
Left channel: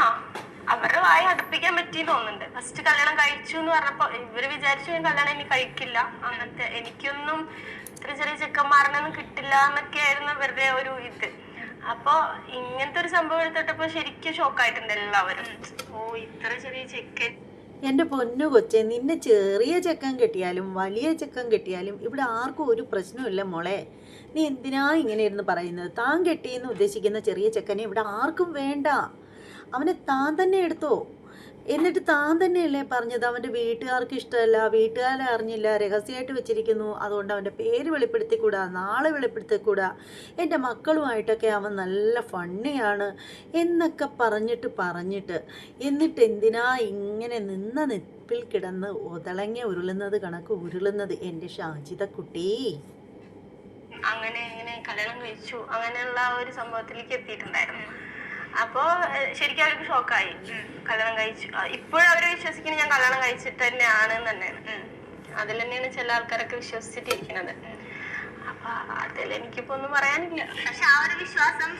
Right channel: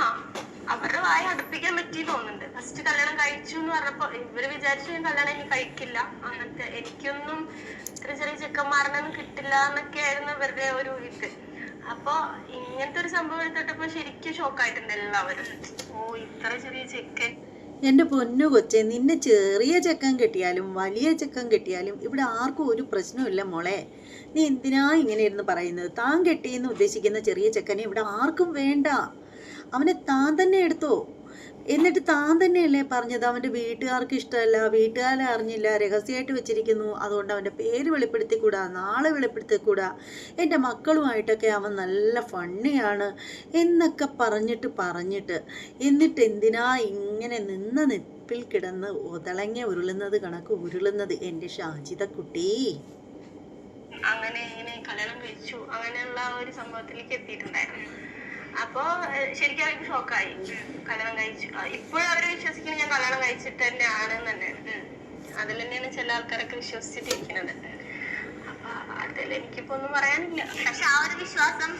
അവരുടെ വായ അടുപ്പിക്കാൻ പറ്റി തോന്നുന്നുണ്ട്. ഫസ്റ്റ് കല്യാണം കഴിച്ചു എന്ന് പറഞ്ഞപ്പോ ഇവർ വിചാരിച്ചു കല്യാണം ഇനി കഴിക്കില്ല. അങ്ങനത്തെ എനിക്കൊന്നും ഇത്ര ചെറിയ ചെക്കന്മാരനൊന്നും കിട്ടില്ല എന്നൊക്കെ ആയിരുന്നു വെറുതെ ഒരു ഇത്. അപ്പൊ ഇങ്ങനത്തെ ഒരു സംഭവം എടുത്തിട്ടപ്പോ ശരിക്കും ഷോക്കായിട്ടുണ്ട് എല്ലാവരും. ഓ ഇത്ര ചെറിയ ചെക്കൻ. എന്റെ പൊന്നു കൊച്ചെ നിന്നെ ചെറിയ ചെക്കൻ കിട്ടിയാലും വലിയ ചെക്കൻ കിട്ടിയാലും ഇവിടെ ആർക്കും ഒരു പ്രശ്നമില്ല മോളെ. നീ എന്തിനാ ഇങ്ങനെ ഇരുന്ന് പറയുന്നത്? താൻ കെട്ടിയെന്ന് ഉദ്ദേശിക്കുന്ന ചെറിയ ചെക്കനെ ഇവിടെ ആർക്കും വേണ്ട. അവനെ താൻ തന്നെ എടുത്തോ? എന്നിട്ട് താൻ തന്നെയല്ലേ പറഞ്ഞത്? അവന്റെ വീട്ടുകാർക്ക് ഇഷ്ടമല്ല വീട്ടുകാരെ അറിഞ്ഞില്ല രഹസ്യമായിട്ട് വെച്ചിരിക്കുന്നു. അതുകൊണ്ട് അവന്റെ പേര് വെളിപ്പെടുത്തിക്കൂടാ നാളെ വെളിപ്പെടുത്തിക്കൂടാ. എന്റെ മക്കളുമായിട്ടൊക്കെ അവൻ നല്ല ഫണ്ണിയാണ് എന്നൊക്കെ പറഞ്ഞിട്ട് പറഞ്ഞിട്ട് എന്നിട്ട് എന്തിനാ ഇങ്ങനെ നിന്ന നിപ്പിൽ കിടന്ന് ഒതളങ്ങി ഉരുളുന്നത് കണക്ക് ഉരുളുന്നത് എന്റെ ഷാജിത കുട്ടി? അങ്ങനെ ഇങ്ങനെ കല്യാണം കഴിച്ചു. അങ്ങനെയുള്ള ഒരു സംഭവത്തിലേക്ക് എത്തിയിട്ടുണ്ടായിരുന്നു. അപ്പോ ശരിക്കും അവർക്ക് ഷോക്കായി. കല്യാണം കഴിച്ചു ഇപ്പോഴും അവർ വിശ്വസിക്കുന്നത് ഞാൻ കല്യാണം കഴിച്ചിട്ട് തന്നെയാണ് ആണ് തന്നെയാണ് അതിൽ തന്നെയാണ് ചില ആൾക്കാരൊക്കെ വിശ്വസിച്ചിട്ടിരിക്കുന്നത്. അപ്പൊ അതിൽ എനിക്കിപ്പോ ഒന്നും പറയാനില്ല. പക്ഷെ ആ ഒരു വിശ്വാസം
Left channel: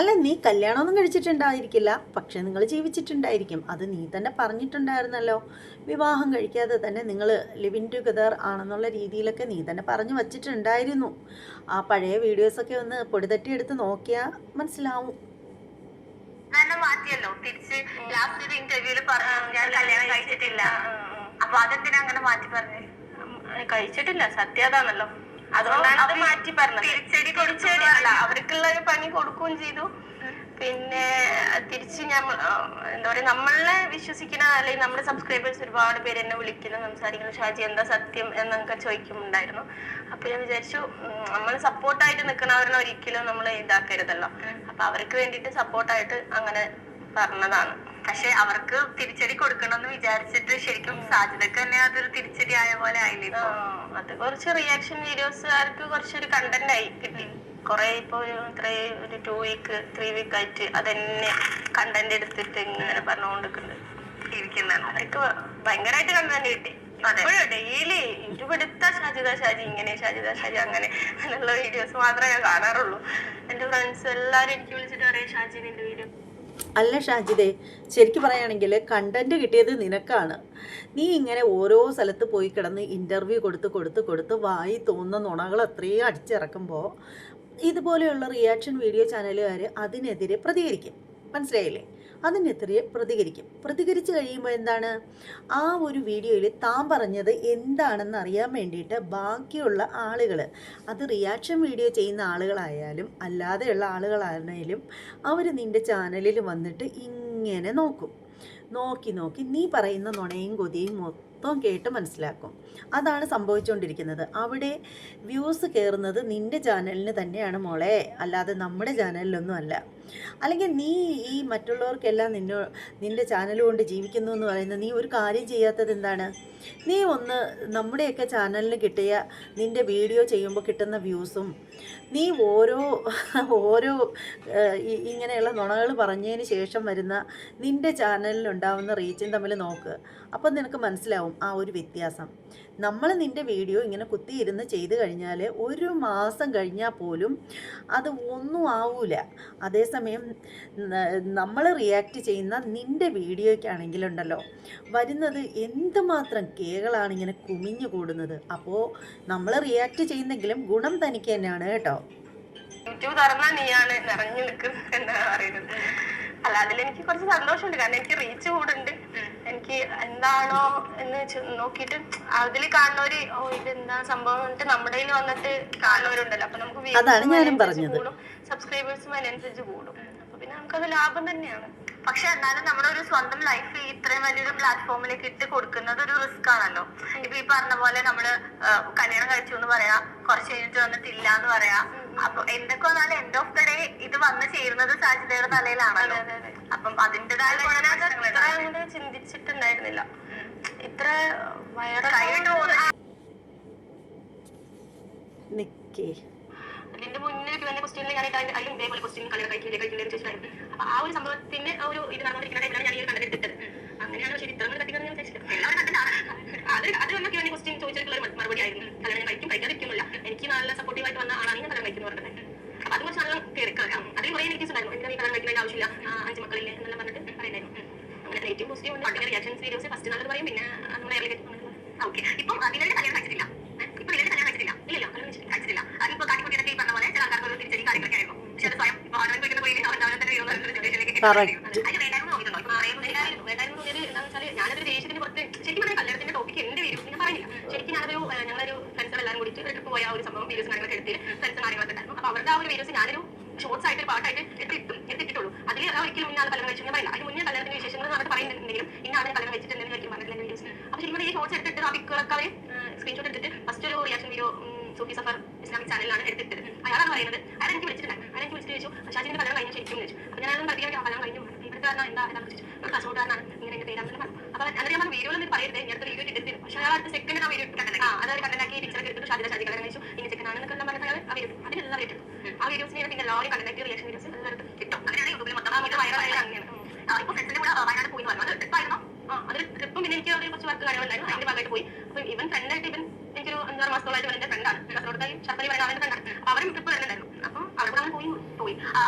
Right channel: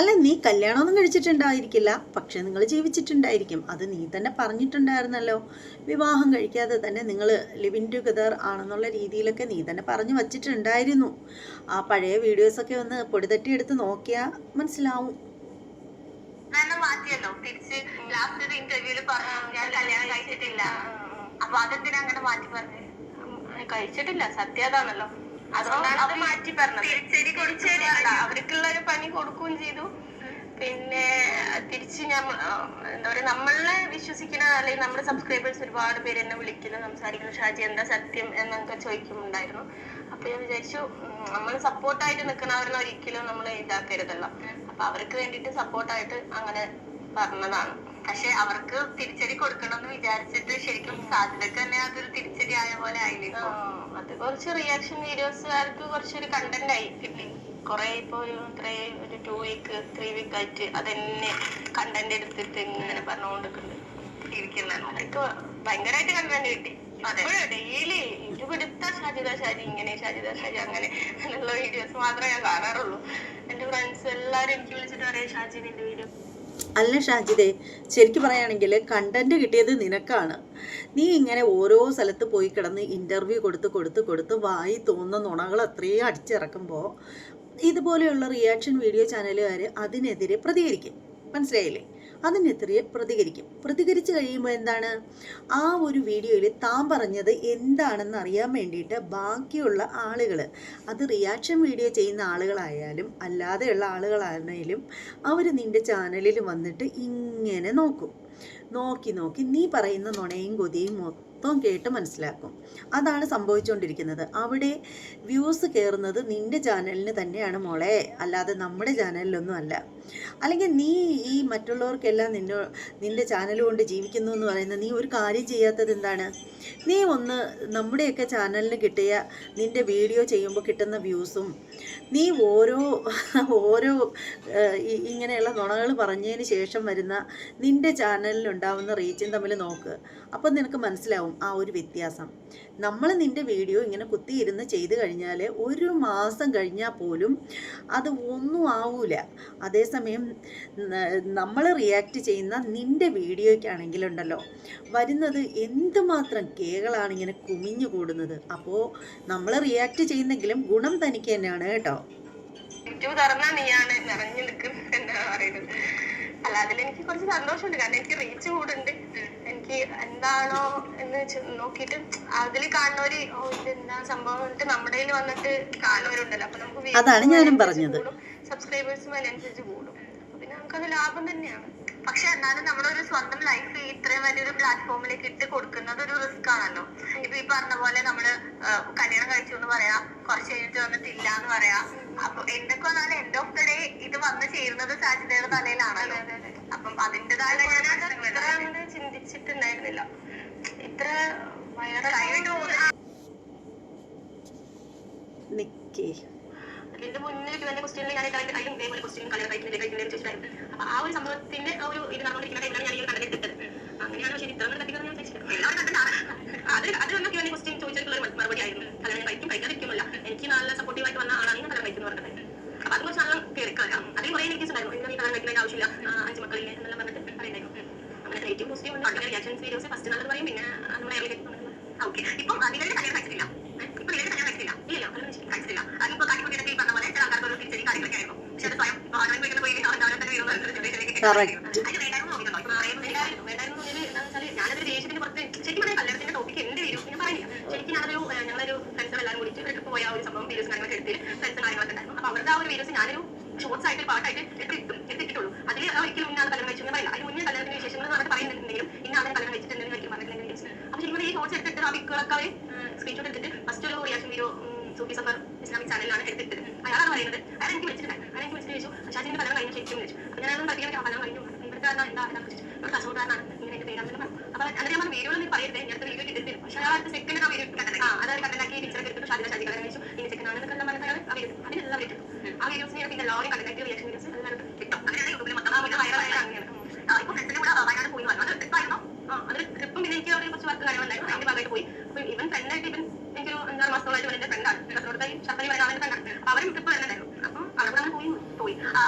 അല്ല നീ കല്യാണമൊന്നും കഴിച്ചിട്ടുണ്ടായിരിക്കില്ല. പക്ഷെ നിങ്ങൾ ജീവിച്ചിട്ടുണ്ടായിരിക്കും. അത് നീ തന്നെ പറഞ്ഞിട്ടുണ്ടായിരുന്നല്ലോ. വിവാഹം കഴിക്കാതെ തന്നെ നിങ്ങൾ ലിവിൻ ടുഗദർ ആണെന്നുള്ള രീതിയിലൊക്കെ നീ തന്നെ പറഞ്ഞു വച്ചിട്ടുണ്ടായിരുന്നു. ആ പഴയ വീഡിയോസൊക്കെ ഒന്ന് പൊടിതട്ടി എടുത്ത് നോക്കിയാൽ മനസ്സിലാവും. തന്നെ മാറ്റിയല്ലോ. തിരിച്ച് ലാസ്റ്റ് ഒരു ഇന്റർവ്യൂൽ ഞാൻ കല്യാണം കഴിച്ചിട്ടില്ല. അപ്പൊ അതെന്തിനാ അങ്ങനെ മാറ്റി പറഞ്ഞത് കഴിച്ചിട്ടില്ല. സത്യം അതാണല്ലോ. അതുകൊണ്ടാണ് അത് മാറ്റി പറഞ്ഞത്. തിരിച്ചടി തിരിച്ചടി അവർക്കുള്ള ഒരു പണി കൊടുക്കുകയും ചെയ്തു. പിന്നെ തിരിച്ച് ഞാൻ എന്താ പറയാ നമ്മളെ വിശ്വസിക്കുന്ന അല്ലെങ്കിൽ നമ്മുടെ സബ്സ്ക്രൈബേഴ്സ് ഒരുപാട് പേര് എന്നെ വിളിക്കുന്നു സംസാരിക്കുന്നു. ഷാജി എന്താ സത്യം എന്നൊക്കെ ചോദിക്കുന്നുണ്ടായിരുന്നു. അപ്പൊ ഞാൻ വിചാരിച്ചു നമ്മൾ സപ്പോർട്ടായിട്ട് നിൽക്കുന്നവരെ ഒരിക്കലും നമ്മൾ ഇതാക്കരുതല്ലോ. അപ്പൊ അവർക്ക് വേണ്ടിയിട്ട് സപ്പോർട്ടായിട്ട് അങ്ങനെ പറഞ്ഞതാണ്. പക്ഷെ അവർക്ക് തിരിച്ചടി കൊടുക്കണമെന്ന് വിചാരിച്ചിട്ട് ശരിക്കും സാധ്യതക്ക് തന്നെ അതൊരു തിരിച്ചടി ആയ പോലെ ആയില്ലേ അത് കുറച്ച് റിയാക്ഷൻ വീഡിയോസ് ആർക്ക് കുറച്ചൊരു കണ്ടന്റ് ആയി കിട്ടി. കുറെ ഇപ്പൊ ഇത്രേ ഒരു ടു വീക്ക് ത്രീ വീക്ക് ആയിട്ട് അതന്നെ കണ്ടന്റ് എടുത്തിട്ട് ഇങ്ങനെ പറഞ്ഞുകൊണ്ടിരിക്കുന്നുണ്ട്. ഭയങ്കരായിട്ട് അതൊക്കെ ഭയങ്കരമായിട്ട് കണ്ടു കിട്ടി. ഡെയിലി എടുത്ത ഷാജിദ ഷാജി ഇങ്ങനെ ഷാജിദ ഷാജി അങ്ങനെ അങ്ങനെയുള്ള വീഡിയോസ് മാത്രമേ ഞാൻ കാണാറുള്ളൂ. എന്റെ ഫ്രണ്ട്സ് എല്ലാരും എനിക്ക് വിളിച്ചിട്ട് പറയാം ഷാജി നിന്റെ വീഡിയോ അല്ല ഷാജിദേ ശരിക്കും പറയുകയാണെങ്കിൽ കണ്ടന്റ് കിട്ടിയത് നിനക്കാണ്. നീ ഇങ്ങനെ ഓരോ സ്ഥലത്ത് പോയി കിടന്ന് ഇന്റർവ്യൂ കൊടുത്ത് കൊടുത്ത് കൊടുത്ത് വായി തോന്നുന്ന നുണകൾ അത്രയും അടിച്ചിറക്കുമ്പോൾ ഇതുപോലെയുള്ള റിയാക്ഷൻ വീഡിയോ ചാനലുകാർ അതിനെതിരെ പ്രതികരിക്കും. മനസ്സിലായില്ലേ? അതിനെതിരെ പ്രതികരിക്കും. പ്രതികരിച്ചു കഴിയുമ്പോൾ എന്താണ്? ആ ഒരു വീഡിയോയിൽ താൻ പറഞ്ഞത് എന്താണെന്ന് അറിയാൻ വേണ്ടിയിട്ട് ബാക്കിയുള്ള ആളുകൾ അത് റിയാക്ഷൻ വീഡിയോ ചെയ്യുന്ന ആളുകളായാലും അല്ലാതെയുള്ള ആളുകളാണെങ്കിലും അവർ നിന്റെ ചാനലിൽ വന്നിട്ട് ഇങ്ങനെ നോക്കും. നോക്കി നോക്കി നീ പറയുന്ന നുണയും കൊതിയും മൊത്തം കേട്ട് മനസ്സിലാക്കും. അതാണ് സംഭവിച്ചുകൊണ്ടിരിക്കുന്നത് അവിടെ വ്യൂസ് കയറുന്നത് നിന്റെ ചാനലിന് തന്നെയാണ് മോളെ. അല്ലാതെ നമ്മുടെ ചാനലിലൊന്നും അല്ല. അല്ലെങ്കിൽ നീ ഈ മറ്റുള്ളവർക്കെല്ലാം നിന്നെ നിന്റെ ചാനൽ കൊണ്ട് ജീവിക്കുന്നു എന്ന് പറയുന്നത് നീ ഒരു കാര്യം ചെയ്യാത്തത് എന്താണ്? നീ ഒന്ന് നമ്മുടെയൊക്കെ ചാനലിന് കിട്ടിയ നിന്റെ വീഡിയോ ചെയ്യുമ്പോൾ കിട്ടുന്ന വ്യൂസും നീ ഓരോ ഓരോ ഇങ്ങനെയുള്ള നുണകൾ പറഞ്ഞതിന് ശേഷം വരുന്ന നിന്റെ ചാനലിലുണ്ടാവുന്ന റീച്ചും തമ്മിൽ നോക്ക്. അപ്പം നിനക്ക് മനസ്സിലാവും ആ ഒരു വ്യത്യാസം. നമ്മൾ നിന്റെ വീഡിയോ ഇങ്ങനെ കുത്തിയിരുന്ന് ചെയ്ത് കഴിഞ്ഞാൽ ഒരു മാസം കഴിഞ്ഞാൽ പോലും അത് ഒന്നും ആവൂല. അതേസമയം നമ്മൾ റിയാക്ട് ചെയ്യുന്ന നിന്റെ വീഡിയോയ്ക്കാണെങ്കിലുണ്ടല്ലോ വരുന്നത് എന്തുമാത്രം കേകളാണ് ഇങ്ങനെ കുമിഞ്ഞു കൂടുന്നത്. അപ്പോൾ നമ്മൾ റിയാക്ട് ചെയ്യുന്നെങ്കിലും ഗുണം തനിക്ക് തന്നെയാണ് കേട്ടോ. യൂട്യൂബ് തുറന്നാ നീയാണ് നിറഞ്ഞു നിൽക്കുന്നത് എന്നാണ് പറയുന്നത്. അല്ല അതിലെനിക്ക് കുറച്ച് സന്തോഷമുണ്ട്. കാരണം എനിക്ക് റീച്ച് കൂടുണ്ട്. എനിക്ക് എന്താണോ എന്ന് വെച്ച് നോക്കിയിട്ട് അതിൽ കാണുന്നവര് ഓ ഇതെന്താ സംഭവം എന്നിട്ട് നമ്മുടെ കയ്യിൽ വന്നിട്ട് കാണുന്നവരുണ്ടല്ലോ. അപ്പൊ നമുക്ക് അതാണ് ഞാനും പറഞ്ഞത്. സബ്സ്ക്രൈബേഴ്സും അതിനനുസരിച്ച് കൂടും. അപ്പൊ പിന്നെ നമുക്കത് ലാഭം തന്നെയാണ്. പക്ഷെ എന്നാലും നമ്മുടെ ഒരു സ്വന്തം ലൈഫ് ഇത്രയും വലിയൊരു പ്ലാറ്റ്ഫോമിലേക്ക് ഇട്ട് കൊടുക്കുന്നത് ഒരു റിസ്ക് ആണല്ലോ. ഇപ്പൊ ഈ പറഞ്ഞ പോലെ നമ്മൾ കല്യാണം കഴിച്ചു എന്ന് പറയാ കുറച്ച് കഴിഞ്ഞിട്ട് വന്നിട്ടില്ല എന്ന് പറയാ. അപ്പൊ എന്തൊക്കെ വന്നാലും എൻഡ് ഓഫ് ദ ഡേ ഇത് വന്ന് ചേരുന്നത് സാധ്യതയുടെ തലയിലാണല്ലോ. അപ്പം അങ്ങനെ ചിന്തിച്ചിട്ടുണ്ടായിരുന്നില്ല. ഇത്ര വയറായിട്ട് നിക്കേ. അതിന്റെ മുന്നേ തന്നെ ക്വസ്റ്റ്യനിൽ ഞാൻ അതിന്റെ അതിലും ഇതേപോലെ ക്വസ്റ്റ്യൻ കളർ കഴിക്കില്ല കഴിക്കില്ല ചോദിച്ചിട്ടായിരുന്നു അപ്പൊ ആ ഒരു സംഭവത്തിന്റെ ആ ഒരു ഇത് നടന്നുകൊണ്ടിരിക്കുന്ന ടൈമിലാണ് ഞാൻ ഈ ഒരു കണ്ടന്റ് അങ്ങനെയാണ് അങ്ങനെയാണോ ശരി ഇത്ര തട്ടിക്കുന്നത് ഞാൻ കണ്ടിട്ടാണ് അത് അത് നമുക്ക് ഞാൻ ക്വസ്റ്റ്യൻ ചോദിച്ചിട്ടുള്ള ഒരു മറുപടി ആയിരുന്നു. കല്യാണം കഴിക്കും കഴിക്കാതിരിക്കുന്നില്ല എനിക്ക് നല്ല സപ്പോർട്ടീവ് ആയിട്ട് വന്ന ആളാണ് ഞാൻ കല്യാണം കഴിക്കുന്നു പറഞ്ഞത്. അപ്പൊ അത് കുറച്ച് ആളുകൾ തിരക്കാം അതിൽ കുറേ നെഗറ്റീവ്സ് ഉണ്ടായിരുന്നു. എനിക്ക് കല്യാണം കഴിക്കേണ്ട ആവശ്യമില്ല. അഞ്ച് മക്കളില്ലേ എന്നെല്ലാം പറഞ്ഞിട്ട് പറയുണ്ടായിരുന്നു അങ്ങനെ നെഗറ്റീവ് പോസിറ്റീവ് ഉണ്ട്. അങ്ങനെ റിയാക്ഷൻസ് വീഡിയോസ് ഫസ്റ്റ് നല്ലത് പറയും. പിന്നെ നമ്മുടെ ഓക്കെ ഇപ്പൊ അതിലേക്ക് കല്യാണം കഴിച്ചിട്ടില്ല? ഇപ്പൊ ഇതിലേക്ക് കല്യാണം കഴിച്ചിട്ടില്ല. കഴിച്ചിട്ടില്ല അതിപ്പോ കാട്ടിക്കുട്ടിയൊക്കെ ഈ പറഞ്ഞ പോലെ ചില ആൾക്കാർക്ക് ഒരു തിരിച്ചടി കാര്യങ്ങളൊക്കെ ആയിരുന്നു പക്ഷെ അത് സ്വയം ഇപ്പൊ അവനവൻ വീട്ടിൽ പോയി അവൻ അവനെ തന്നെ വീഴുന്ന ഒരു ജനറേഷനിലേക്ക് Correct. അതിന് വേണ്ടായിരുന്നു നോക്കിയിട്ടുണ്ടോ ഇപ്പൊ അറിയുന്നത് വേണ്ടായിരുന്നു വേണ്ടായിരുന്നു തോന്നിയത് എന്താണെന്ന് വെച്ചാൽ ഞാനതൊരു ദേഷ്യത്തിന് പുറത്ത് ശരിക്കും പറഞ്ഞാൽ കല്യാണത്തിന്റെ ടോപ്പിക് എന്റെ വീഡിയോസ് ഞാൻ പറഞ്ഞില്ല ശരിക്കും ഞാനൊരു ഞങ്ങളൊരു ഫ്രണ്ട്സ് എല്ലാവരും കൂടി ട്രിപ്പ് പോയ ഒരു സംഭവം വീഡിയോസ് കാര്യങ്ങളൊക്കെ എടുത്ത് ഫ്രണ്ട്സ് കാര്യങ്ങളൊക്കെ ഉണ്ടായിരുന്നു. അപ്പൊ അവരുടെ ആ ഒരു വീഡിയോസ് ഞാനൊരു ഷോർട്സ് ആയിട്ട് പാട്ടായിട്ട് എടുത്തിട്ടും എടുത്തിട്ടുള്ളൂ അതിൽ ഒരിക്കലും ഇന്നാൾ കഴിച്ചു ഞാൻ പറയില്ല. അതിന് മുന്നേ കല്യാണത്തിന് വിശേഷങ്ങൾ പറഞ്ഞിട്ട് പറയുന്നുണ്ടെങ്കിലും ഇന്നാണ് കലം വെച്ചിട്ടുണ്ടെന്ന് പറ്റി പറഞ്ഞിട്ടുള്ള വീഡിയോസ് അപ്പൊ ശരിക്കും ഈ ഷോർട്സ് എടുത്തിട്ട് ആ പിക്കുകളൊക്കെ അവർ സ്ക്രീൻഷോട്ട് എടുത്തിട്ട് ഫസ്റ്റ് ഒരു reaction video Sufi Safar Islamic ചാനലിലാണ് എടുത്തിട്ടത്. അയാളാണ് പറയുന്നത്. അയാൾ എനിക്ക് വിളിച്ചിട്ടുണ്ട് അയാൾ എനിക്ക് വിളിച്ചിട്ട് ചോദിച്ചു ഷാജിന്റെ കല്യാണം കഴിഞ്ഞു ശരിക്കും വിളിച്ചു അപ്പൊ ഞാൻ പഠിക്കാൻ കല്യാണം കഴിഞ്ഞു ഇവിടുത്തെ കാരണം എന്താ എന്താ ചോദിച്ചു. നമ്മൾ കാസർഗോഡാണ് ഇങ്ങനെ എന്റെ പേരാണെന്ന് പറഞ്ഞു അപ്പൊ എന്നിട്ട് ഞാൻ വീഡിയോയിൽ നിന്ന് പറയരുത് ഞാൻ വീഡിയോ ഇട്ടിട്ട് പക്ഷെ അയാൾ അടുത്ത സെക്കൻഡ് ആ വീഡിയോ കണ്ടത് ആ അതായത് കണ്ടനാക്കി പിക്ചർ എടുത്തിട്ട് ഷാജിത ഷാജി കല്യാണം കഴിച്ചു ഇനി സെക്കൻഡ് ആണെന്നൊക്കെ എല്ലാം പറഞ്ഞിട്ട് ആ വീഡിയോ അതിനെല്ലാം ഇട്ടു. ആ വീഡിയോസിനെ പിന്നെ എല്ലാവരും കണ്ടനാക്കി റിയാക്ഷൻ വീഡിയോസ് എല്ലാവരും കിട്ടും. അങ്ങനെയാണ് യൂട്യൂബിൽ മൊത്തം വൈറലായി അങ്ങനെയാണ് ഇപ്പൊ ഫ്രണ്ട്സിന്റെ കൂടെ വയനാട് പോയി വന്നു അത് ട്രിപ്പായിരുന്നു ആ അത് ട്രിപ്പും പിന്നെ എനിക്ക് കുറച്ച് വർക്ക് കാര്യങ്ങളുണ്ടായിരുന്നു അതിന്റെ ഭാഗമായിട്ട് പോയി. അപ്പൊ ഇവൻ ഫ്രണ്ടായിട്ട് ഇവൻ അഞ്ചാറ് മാസത്തോളായിട്ട് എന്റെ ഫ്രണ്ടാണ് കാസർഗോഡത്തെ ശർക്കരി പറയുന്ന അവന്റെ ഫ്രണ്ടാണ് അവരും ട്രിപ്പ് വരുന്നുണ്ടായിരുന്നു അപ്പൊ അവിടെ കൂടെ അങ്ങനെ പോയി പോയി. ആ,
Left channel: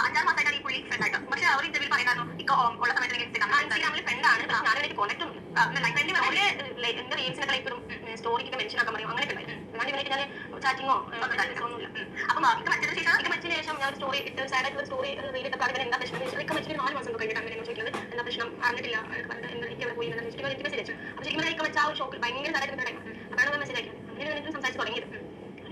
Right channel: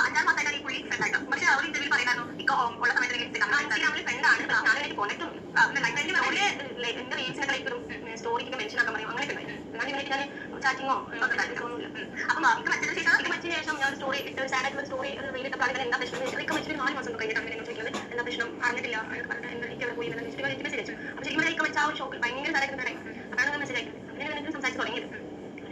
അഞ്ചാറ് മാസമായിട്ടാണ് ഈ പുള്ളി ഫ്രണ്ട് ആയിട്ട് പക്ഷെ അവർ ഇന്റർവ്യൂ പറയുന്നു ഇപ്പൊ ഉള്ള സമയത്ത് ഫ്രണ്ട് ആണ് ഇൻസ്റ്റാഗ്രാമിൽ ഫ്രണ്ടാണ് ഫ്രണ്ട് പോലെ എന്റെ റീൽസിനൊക്കെ ലൈക്ക് സ്റ്റോറിക്ക് മെൻഷൻ ആക്കാൻ പറയും. അങ്ങനെ അല്ലാണ്ട് ഇവനായിട്ട് ഞാൻ ചാറ്റിങ്ങോ ഒന്നുമില്ല അപ്പം ഇത് മറ്റൊരു ശേഷം മറ്റിന് ശേഷം ഞാൻ സ്റ്റോറി ഇട്ട് സാഡ് ആയിട്ടുള്ള സ്റ്റോറി റീലിട്ടപ്പോൾ എന്താ പ്രശ്നം ഇതൊക്കെ മറ്റൊരു നാല് മാസം കഴിഞ്ഞിട്ട് അങ്ങനെ ചോദിക്കുന്നത്? എന്താ പ്രശ്നം? അറിഞ്ഞിട്ടില്ല. എനിക്ക് അവിടെ പോയി എനിക്ക് മെസ്സേജ് അയച്ചു. അപ്പോൾ ശരിക്കും പറഞ്ഞാൽ വെച്ച ആ ഒരു ഷോക്കിൽ ഭയങ്കര സാഡായിട്ട് അതാണ് മെസ്സേജ് അങ്ങനെ എനിക്ക് സംസാരിച്ച് തുടങ്ങിയത്.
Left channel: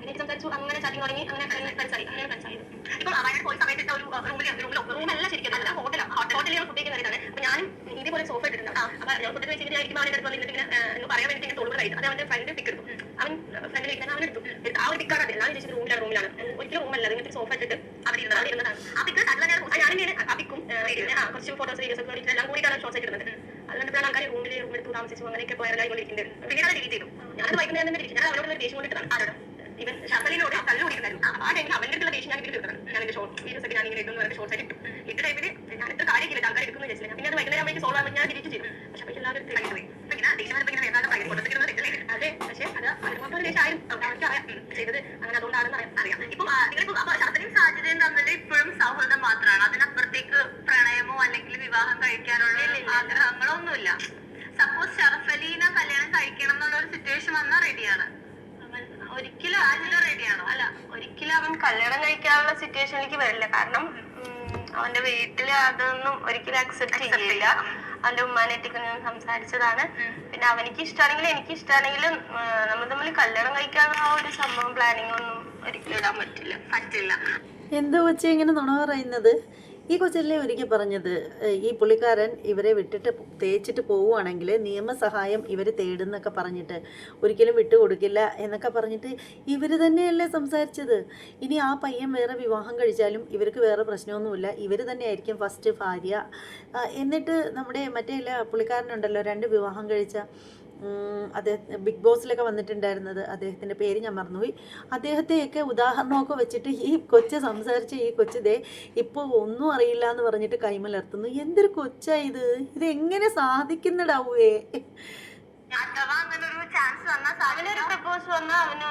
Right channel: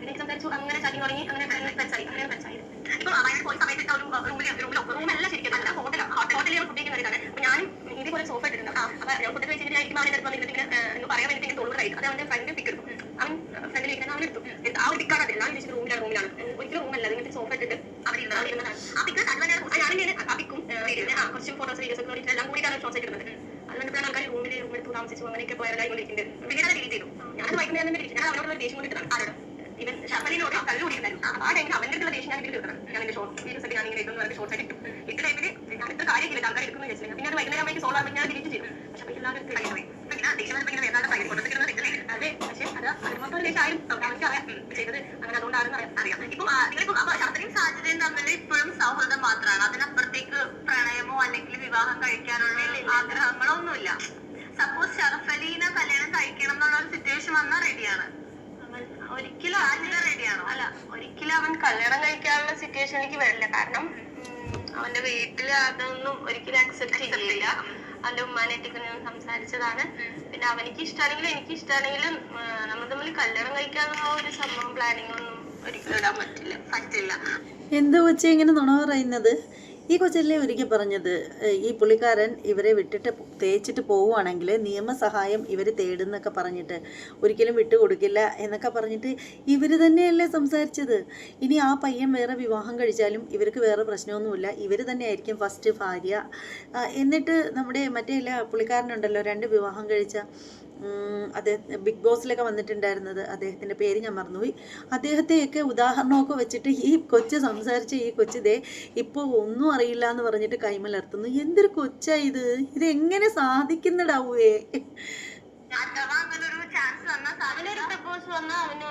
അങ്ങനെ സംസാരിച്ചു അങ്ങനെ ചാറ്റിങ് തുടങ്ങി അങ്ങനെ ഫ്രണ്ട്സ് ആയി അങ്ങനെ ഫ്രണ്ട്സ് ആയത് ഇപ്പൊ വയനാട് പോയ സമയത്ത് ഒരു റൂമിൽ റൂമിലോ റൂമല്ല ശരിക്കും നല്ല ഹോട്ടലാണ് ഹോട്ടലിൽ ഞാൻ ഫുഡ് കഴിക്കുന്നതാണ് അപ്പൊ ഞാനും ഇതേപോലെ സോഫ ഇട്ടിട്ടുണ്ട്. അപ്പൊ ഞാൻ ഫുഡ് കഴിച്ചിട്ട് ആയിരിക്കും അവന്റെ അടുത്ത് വന്നിട്ട് ഇങ്ങനെ പറയാൻ ഇങ്ങനെ തോന്നുന്നു കഴിച്ചു അത് അവന്റെ ഫ്രണ്ട് പിക്ക് എടുത്തു അവൻ ഫ്രണ്ടിൽ ഇരിക്കാൻ അവൻ എടുത്തു എടുത്ത് ആ ഒരു പിക്കാണ് അത്. എല്ലാവരും വിചാരിച്ചത് റൂമിലാണ് റൂമിലാണ് റൂമല്ല ഇങ്ങനത്തെ സോഫ ഇരുന്നത് അവിടെ ഇരുന്നതാണ് ആ പിക്ക് അത് തന്നെയാണ് ആ പിന്നെ കുറച്ച് ഫോട്ടോസ് വീഡിയോസ് ഒക്കെ എല്ലാം കൂടിയിട്ടാണ് ഷോർട്സ് ഇടുന്നത്. അതുകൊണ്ടിട്ടാണ് ആൾക്കാർ റൂമിൽ റൂമെടുത്ത് താമസിച്ചു അങ്ങനെയൊക്കെ വൈറലായി കൊണ്ടിരിക്കുന്നത് അത് ഡിലീറ്റ് ചെയ്തു ഞാനത് വൈകുന്നേരം തന്നെ ഞാൻ അവനോട് ദേഷ്യം കൊണ്ടിട്ടാണ് ആരോട്. ഇവൻ ഷഫലിനോട് കല്ല് കുടിക്കുന്നുണ്ടായിരുന്നു ആ ടൈമിൽ അവന്റെ അടുത്തുള്ള ദേഷ്യം ഞാൻ ഇവർ തീർക്കണം. ഞാൻ എന്റെ ഷോർട്ട് വീഡിയോസ് ഞാൻ ഇങ്ങനെ ഇടുന്നു ഷോർട്ട് ആയിട്ട് ഇട്ട. ടൈമിൽ ഞാൻ ഇത്ര കാര്യമില്ല ആൾക്കാർ എടുക്കുന്നു വെച്ചില്ല പിന്നെ അത് വൈകുന്നേരം ആകുമ്പോൾ സോൾവ് ആകുമ്പോൾ ഞാൻ ഡിലീറ്റ് ചെയ്യും. പക്ഷെ അപ്പോൾ എല്ലാവരും എടുത്ത് കഴിഞ്ഞു പോയി. ഇങ്ങനെ ദേഷ്യം ഇങ്ങനെ വേണ്ടാണ്ട് ഭയങ്കര കൊടുത്തിരുന്നത് അതെ പക്ഷെ അത് അതിനോട് ദേശം ആയും അവർക്ക് അറിയാം ചെയ്തത് അങ്ങനെ അതുകൊണ്ടാണെന്ന് അറിയാം അറിയാം. ഇപ്പം നിങ്ങളിപ്പോൾ അപ്പോൾ ഷഫലിയും സാഹചര്യം തമ്മിൽ ഇപ്പോഴും സൗഹൃദം മാത്രമാണ് അതിനപ്പുറത്തേക്ക് പ്രണയമോ അല്ലെങ്കിൽ വിവാഹം കഴിക്കാനുള്ള ആഗ്രഹങ്ങളോ ഒന്നുമില്ല സപ്പോസ് ഷറഫലീനെ കല്യാണം കഴിക്കണം എന്നുള്ള ഒരു സിറ്റുവേഷൻ വന്നാൽ റെഡിയാണ് ഒരിക്കലും സാജിത റെഡിയാണോ? അല്ല ഒരിക്കലും അവൻ കല്യാണം കഴിക്കാനുള്ള സിറ്റുവേഷനിലേക്ക് വരില്ല. കാരണം അവന്റെ വീട്ടിൽ അതൊന്നും ഒരിക്കലും അക്സെപ്റ്റ് ചെയ്യില്ല. അവന്റെ ഉമ്മാനായിട്ടൊക്കെ ഞാൻ സംസാരിച്ചതാണ്. പിന്നെ അവനിക്ക് ഇഷ്ടമാണെങ്കിലും എനിക്ക് ഇഷ്ടമാണെങ്കിലും നമ്മൾ തമ്മിൽ കല്യാണം കഴിക്കാനുള്ള ആ ഒരു സംഭവം പ്ലാനിങ് ഒന്നും ഒരിക്കലും ഇടാൻ പറ്റില്ല. പറ്റില്ല. എന്താ കൊച്ചി ഇങ്ങനെ നുണ പറയുന്നത്? ഈ കൊച്ചിലെ ഒരുക്കി പറഞ്ഞത് ഈ പുള്ളിക്കാരൻ ഇവരെ വിട്ടിട്ട് തേച്ചിട്ട് പോവുകയാണെങ്കിൽ നിയമസഹായം ഇവർ തേടുന്നൊക്കെ പറഞ്ഞിട്ട് ഒരിക്കലും വിട്ടുകൊടുക്കില്ല എന്നൊക്കെ പറഞ്ഞിട്ട് ഇവർ തന്നെയല്ലേ സംസാരിച്ചത്? ഇനി ആ പയ്യൻ വേറെ വിവാഹം കഴിച്ചാലും ഇവർക്ക് വേറെ പ്രശ്നമൊന്നുമില്ല. ഇവർ തന്നെയായിരിക്കും ഫസ്റ്റ് ഭാര്യ. എന്നിട്ട് നമ്മുടെ മറ്റേ ഇല്ല പുള്ളിക്കാരനുണ്ടല്ലോ രണ്ട് വിവാഹം കഴിച്ച അദ്ദേഹം ബിഗ് ബോസിലൊക്കെ വന്നിട്ടുണ്ടായിരുന്നത് അദ്ദേഹത്തിന്റെ പേര് ഞാൻ മറന്നുപോയി. അദ്ദേഹത്തെയൊക്കെ ഉദാഹരണമൊക്കെ വെച്ചിട്ട് ഈ കൊച്ച് സംസാരിച്ച ഈ കൊച്ചിതേ ഇപ്പോൾ ഒന്നും അറിയില്ല എന്ന് പറഞ്ഞിട്ട് കൈമലർത്തുന്നു. എന്തൊരു കൊച്ചാ ഇത്? ഇത് എങ്ങനെ സാധിക്കുന്നടാവേ? അഥവാ അങ്ങനെ ഒരു ചാൻസ് വന്നാൽ അവനൊരു പ്രപ്പോസ് വന്നാൽ അവന്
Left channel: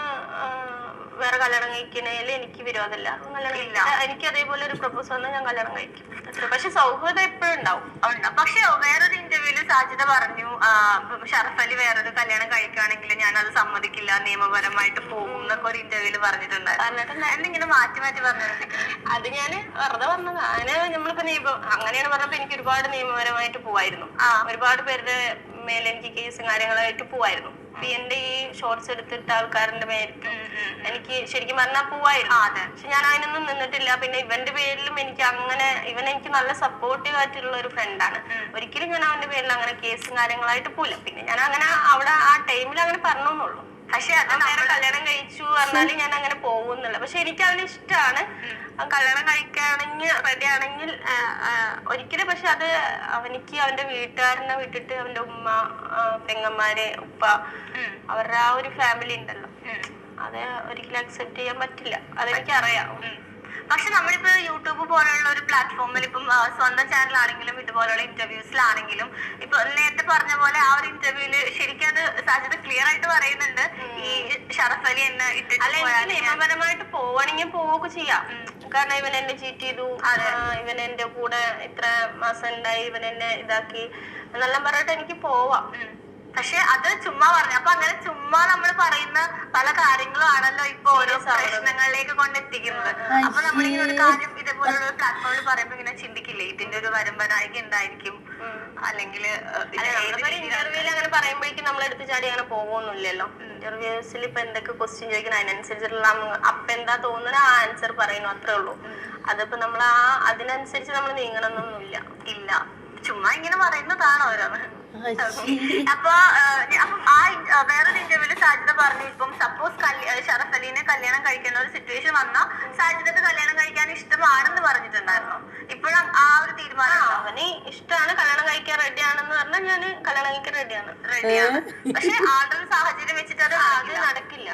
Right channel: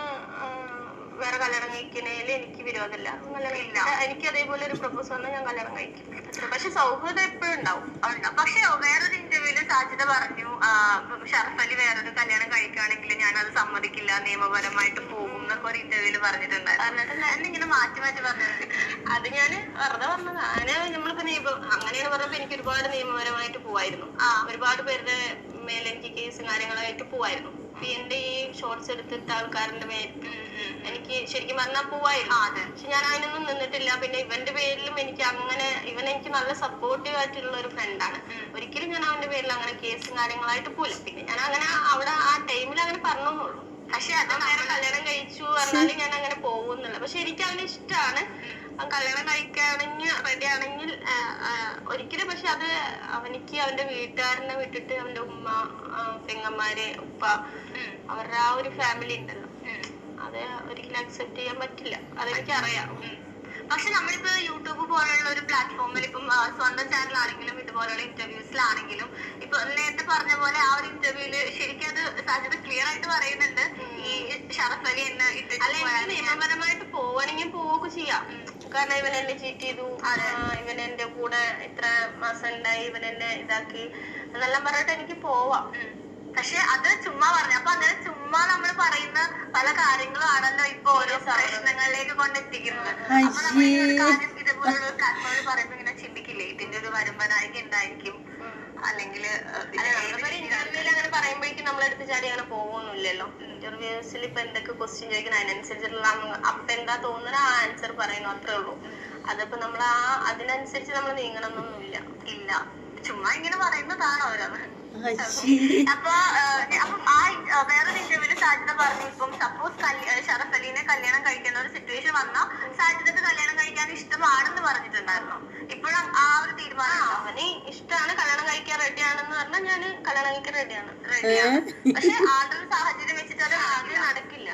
വേറെ കല്യാണം കഴിക്കുന്നതിൽ എനിക്ക് വിരോധമില്ല. എനിക്ക് അതേപോലെ ഒരു പ്രപ്പോസ് വന്നാൽ ഞാൻ കല്യാണം കഴിക്കും. പക്ഷെ സൗഹൃദം എപ്പോഴും ഉണ്ടാവും. ഉണ്ട്. പക്ഷെ വേറൊരു ഇന്റർവ്യൂൽ സാജിത പറഞ്ഞു ഷറഫ് അലി വേറൊരു കല്യാണം കഴിക്കുകയാണെങ്കിൽ ഞാൻ അത് സമ്മതിക്കില്ല നിയമപരമായിട്ട് പോകും എന്നൊക്കെ ഒരു ഇന്റർവ്യൂൽ പറഞ്ഞിട്ടുണ്ടായിരുന്നു. ഇങ്ങനെ മാറ്റി മാറ്റി പറഞ്ഞിട്ടുണ്ട്. അത് ഞാൻ വെറുതെ പറഞ്ഞത്. അങ്ങനെ നമ്മളിപ്പോ നിയമം അങ്ങനെയാണ് പറഞ്ഞപ്പോ എനിക്ക് ഒരുപാട് നിയമപരമായിട്ട് പോവായിരുന്നു. ഒരുപാട് പേരുടെ മേലെ എനിക്ക് കേസും കാര്യങ്ങളായിട്ട് പോവായിരുന്നു. എന്റെ ഈ ഷോർട്സ് എടുത്തിട്ട ആൾക്കാരുടെ മേലേക്ക് എനിക്ക് ശരിക്കും പറഞ്ഞാൽ പോവായിരുന്നു. പക്ഷെ ഞാൻ അതിനൊന്നും നിന്നിട്ടില്ല. പിന്നെ ഇവന്റെ പേരിലും എനിക്ക് അങ്ങനെ ഇവൻ എനിക്ക് നല്ല സപ്പോർട്ടീവ് ആയിട്ടുള്ള ഒരു ഫ്രണ്ടാണ് ഒരിക്കലും ഞാൻ അവന്റെ പേരിൽ അങ്ങനെ കേസും കാര്യങ്ങളായിട്ട് പോയില്ല പിന്നെ ഞാൻ അങ്ങനെ അവിടെ ആ ടൈമിൽ അങ്ങനെ പറഞ്ഞെന്നുള്ളൂ. പക്ഷെ അത് നേരെ കല്യാണം കഴിച്ചു പറഞ്ഞാലും ഞാൻ അങ്ങനെ പോകുന്നില്ല പക്ഷെ എനിക്ക് അവന് ഇഷ്ടമാണ് കല്യാണം കഴിക്കുകയാണെങ്കിൽ റെഡി ആണെങ്കിൽ ആ, ആ, ഒരിക്കലും പക്ഷെ അത് അവനിക്ക് അവന്റെ വീട്ടുകാരനെ വിട്ടിട്ട് അവന്റെ ഉമ്മ ആ, പെങ്ങന്മാര് ഉപ്പ അവരുടെ ആ ഒരു ഫാമിലി ഉണ്ടല്ലോ. അത് ഒരിക്കലും അക്സെപ്റ്റ് ചെയ്യാൻ പറ്റില്ല. അതെനിക്ക് അറിയാം പക്ഷെ നമ്മളിപ്പോ യൂട്യൂബ് പോലുള്ള ഒരു പ്ലാറ്റ്ഫോമിൽ ഇപ്പം സ്വന്തം ചാനൽ ആണെങ്കിലും ഇതുപോലുള്ള ഇന്റർവ്യൂസിലാണെങ്കിലും ഇപ്പൊ നേരത്തെ പറഞ്ഞ പോലെ ആ ഒരു ഇന്റർവ്യൂൽ ശരിക്കും അത് സാധ്യത ക്ലിയർ ആയിട്ട് പറയുന്നുണ്ട്. ഈ ഷറഫ് അലി എന്ന് അല്ല നിയമപരമായിട്ട് പോവാണെങ്കിൽ പോവുക ചെയ്യാം. കാരണം ഇവൻ എന്നെ ചീറ്റ് ചെയ്തു. ഇവൻ എന്റെ കൂടെ ഇത്ര മാസം ഉണ്ടായി. ഇവൻ എന്നെ ഇതാക്കി. എന്നെല്ലാം പറഞ്ഞിട്ട് എനിക്ക് പോവാം. പക്ഷെ അത് ചുമ്മാ പറഞ്ഞു. അപ്പൊ അങ്ങനെ ചുമ്മാ നമ്മൾ പറയുന്ന പല കാര്യങ്ങളും ആണല്ലോ ഇപ്പൊ ഓരോ പ്രശ്നങ്ങളിലേക്ക് കൊണ്ടെത്തിക്കുന്നത്. അപ്പൊ നമ്മൾ ഈ ഒരു കാര്യം ഇതേപോലുള്ള പ്ലാറ്റ്ഫോമിൽ പറയുമ്പോ ഇങ്ങനെ ചിന്തിക്കില്ലേ? ഇതിന്റെ ഒരു വരുമ്പനായിക എന്തായിരിക്കും? അല്ലെങ്കിൽ ഇന്റർവ്യൂൽ അങ്ങനെ പറയുമ്പോഴേക്കും നമ്മൾ എടുത്ത് ചാടി അങ്ങനെ പോകുന്നില്ലല്ലോ ഇന്റർവ്യൂസിൽ ഇപ്പൊ എന്തൊക്കെ ക്വസ്റ്റ്യൻ ചോദിക്കണം അതിനനുസരിച്ചിട്ടുള്ള അപ്പൊ എന്താ തോന്നുന്ന ആ ആൻസർ പറയുന്നു അത്രേ ഉള്ളൂ. അതിപ്പോ നമ്മൾ ആ അതിനനുസരിച്ച് നമ്മൾ നീങ്ങണമെന്നൊന്നുമില്ല ഇല്ല. ചുമ്മാ ഇങ്ങനെ പറയുന്നതാണ് ഓരോന്ന്. അപ്പൊ ആ വേറെ വേറൊരു ഇന്റർവ്യൂൽ സാജിത പറഞ്ഞു ഇപ്പം സപ്പോസ് ഷറഫ് അലീനെ കല്യാണം കഴിക്കുന്ന ഒരു സിറ്റുവേഷൻ വന്നാൽ സാജിദക്ക് കല്യാണം കഴിക്കാൻ ഇഷ്ടമാണെന്ന് പറഞ്ഞിട്ടുണ്ടായിരുന്നു? ഇപ്പോഴും ആ ഒരു തീരുമാനം അവന് ഇഷ്ടമാണ് കല്യാണം കഴിക്കാൻ റെഡിയാണെന്ന് പറഞ്ഞാൽ ഞാൻ കല്യാണം കഴിക്കാൻ റെഡിയാണ് റെഡിയാണ് പക്ഷെ ആളുടെ ഒരു സാഹചര്യം വെച്ചിട്ട് അത് ആദ്യം നടക്കില്ല.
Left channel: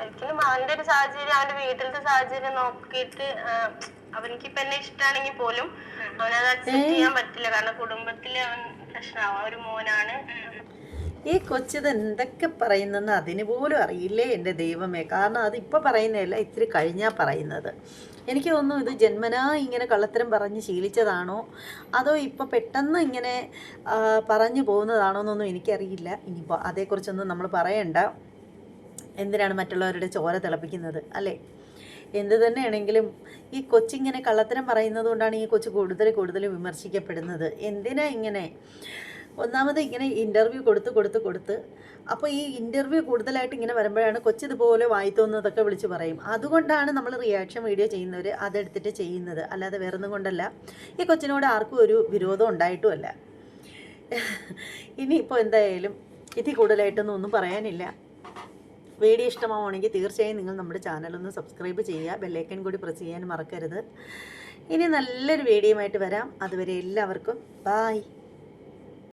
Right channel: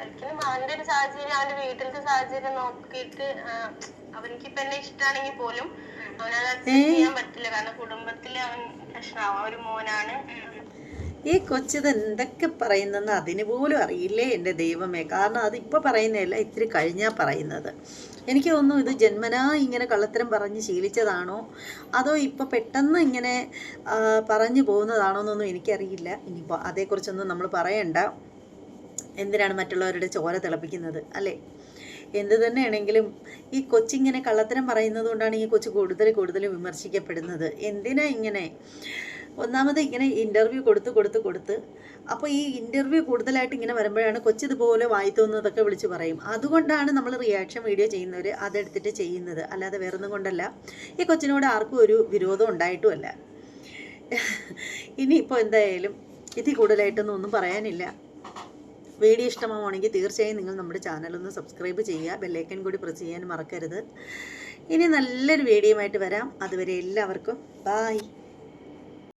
ഒരിക്കലും അവന്റെ ഒരു സാഹചര്യം അവന്റെ വീട്ടിലത്തെ സാഹചര്യം നോക്കിയിട്ട് അവനിക്ക് ഇപ്പൊ എന്നെ ഇഷ്ടമാണെങ്കിൽ പോലും അവനത് അക്സെപ്റ്റ് ചെയ്യാൻ പറ്റില്ല. കാരണം കുടുംബത്തിൽ അവൻ ഒരു മോനാണ്. ഈ കൊച്ചിത് എന്തൊക്കെ പറയുന്നെന്ന് അതിന് പോലും അറിയില്ലേ എന്റെ ദൈവമേ. കാരണം അതിപ്പോൾ പറയുന്നതല്ല ഇത്തിരി കഴിഞ്ഞാൽ പറയുന്നത്. എനിക്ക് തോന്നുന്നു ഇത് ജന്മനാ ഇങ്ങനെ കള്ളത്തരം പറഞ്ഞ് ശീലിച്ചതാണോ? അതോ ഇപ്പോൾ പെട്ടെന്ന് ഇങ്ങനെ പറഞ്ഞു പോകുന്നതാണോ എന്നൊന്നും എനിക്കറിയില്ല. ഇനിയിപ്പോൾ അതേക്കുറിച്ചൊന്നും നമ്മൾ പറയണ്ട. എന്തിനാണ് മറ്റുള്ളവരുടെ ചോര തിളപ്പിക്കുന്നത് അല്ലേ? എന്ത് തന്നെയാണെങ്കിലും ഈ കൊച്ചിങ്ങനെ കള്ളത്തരം പറയുന്നത് കൊണ്ടാണ് ഈ കൊച്ചു കൂടുതൽ കൂടുതൽ വിമർശിക്കപ്പെടുന്നത്. എന്തിനാ ഇങ്ങനെ? ഒന്നാമത് ഇങ്ങനെ ഇന്റർവ്യൂ കൊടുത്ത് കൊടുത്ത് കൊടുത്ത് അപ്പോൾ ഈ ഇന്റർവ്യൂ കൂടുതലായിട്ട് ഇങ്ങനെ വരുമ്പോഴാണ് കൊച്ചിതുപോലെ വായി തോന്നുന്നതൊക്കെ വിളിച്ച് പറയും. അതുകൊണ്ടാണ് നമ്മൾ റിയാക്ഷൻ വീഡിയോ ചെയ്യുന്നവർ അതെടുത്തിട്ട് ചെയ്യുന്നത്. അല്ലാതെ വേറൊന്നും കൊണ്ടല്ല. ഈ കൊച്ചിനോട് ആർക്കും ഒരു വിരോധം ഉണ്ടായിട്ടുമല്ല. ഇനിയിപ്പോൾ എന്തായാലും ഇതിൽ കൂടുതലായിട്ടൊന്നും ഒന്നും പറയാനില്ല. വീഡിയോ ഇഷ്ടമാവുകയാണെങ്കിൽ തീർച്ചയായും നിങ്ങൾ നമ്മുടെ ചാനലൊന്ന് സബ്സ്ക്രൈബ് ചെയ്യുക. ബെല്ലൈക്കൻ കൂടി പ്രസ് ചെയ്യാൻ മറക്കരുത്. ഇനി നല്ലൊരു വീഡിയോ ആയിട്ട് വരാം. അതുവരെ എല്ലാവർക്കും ബായ്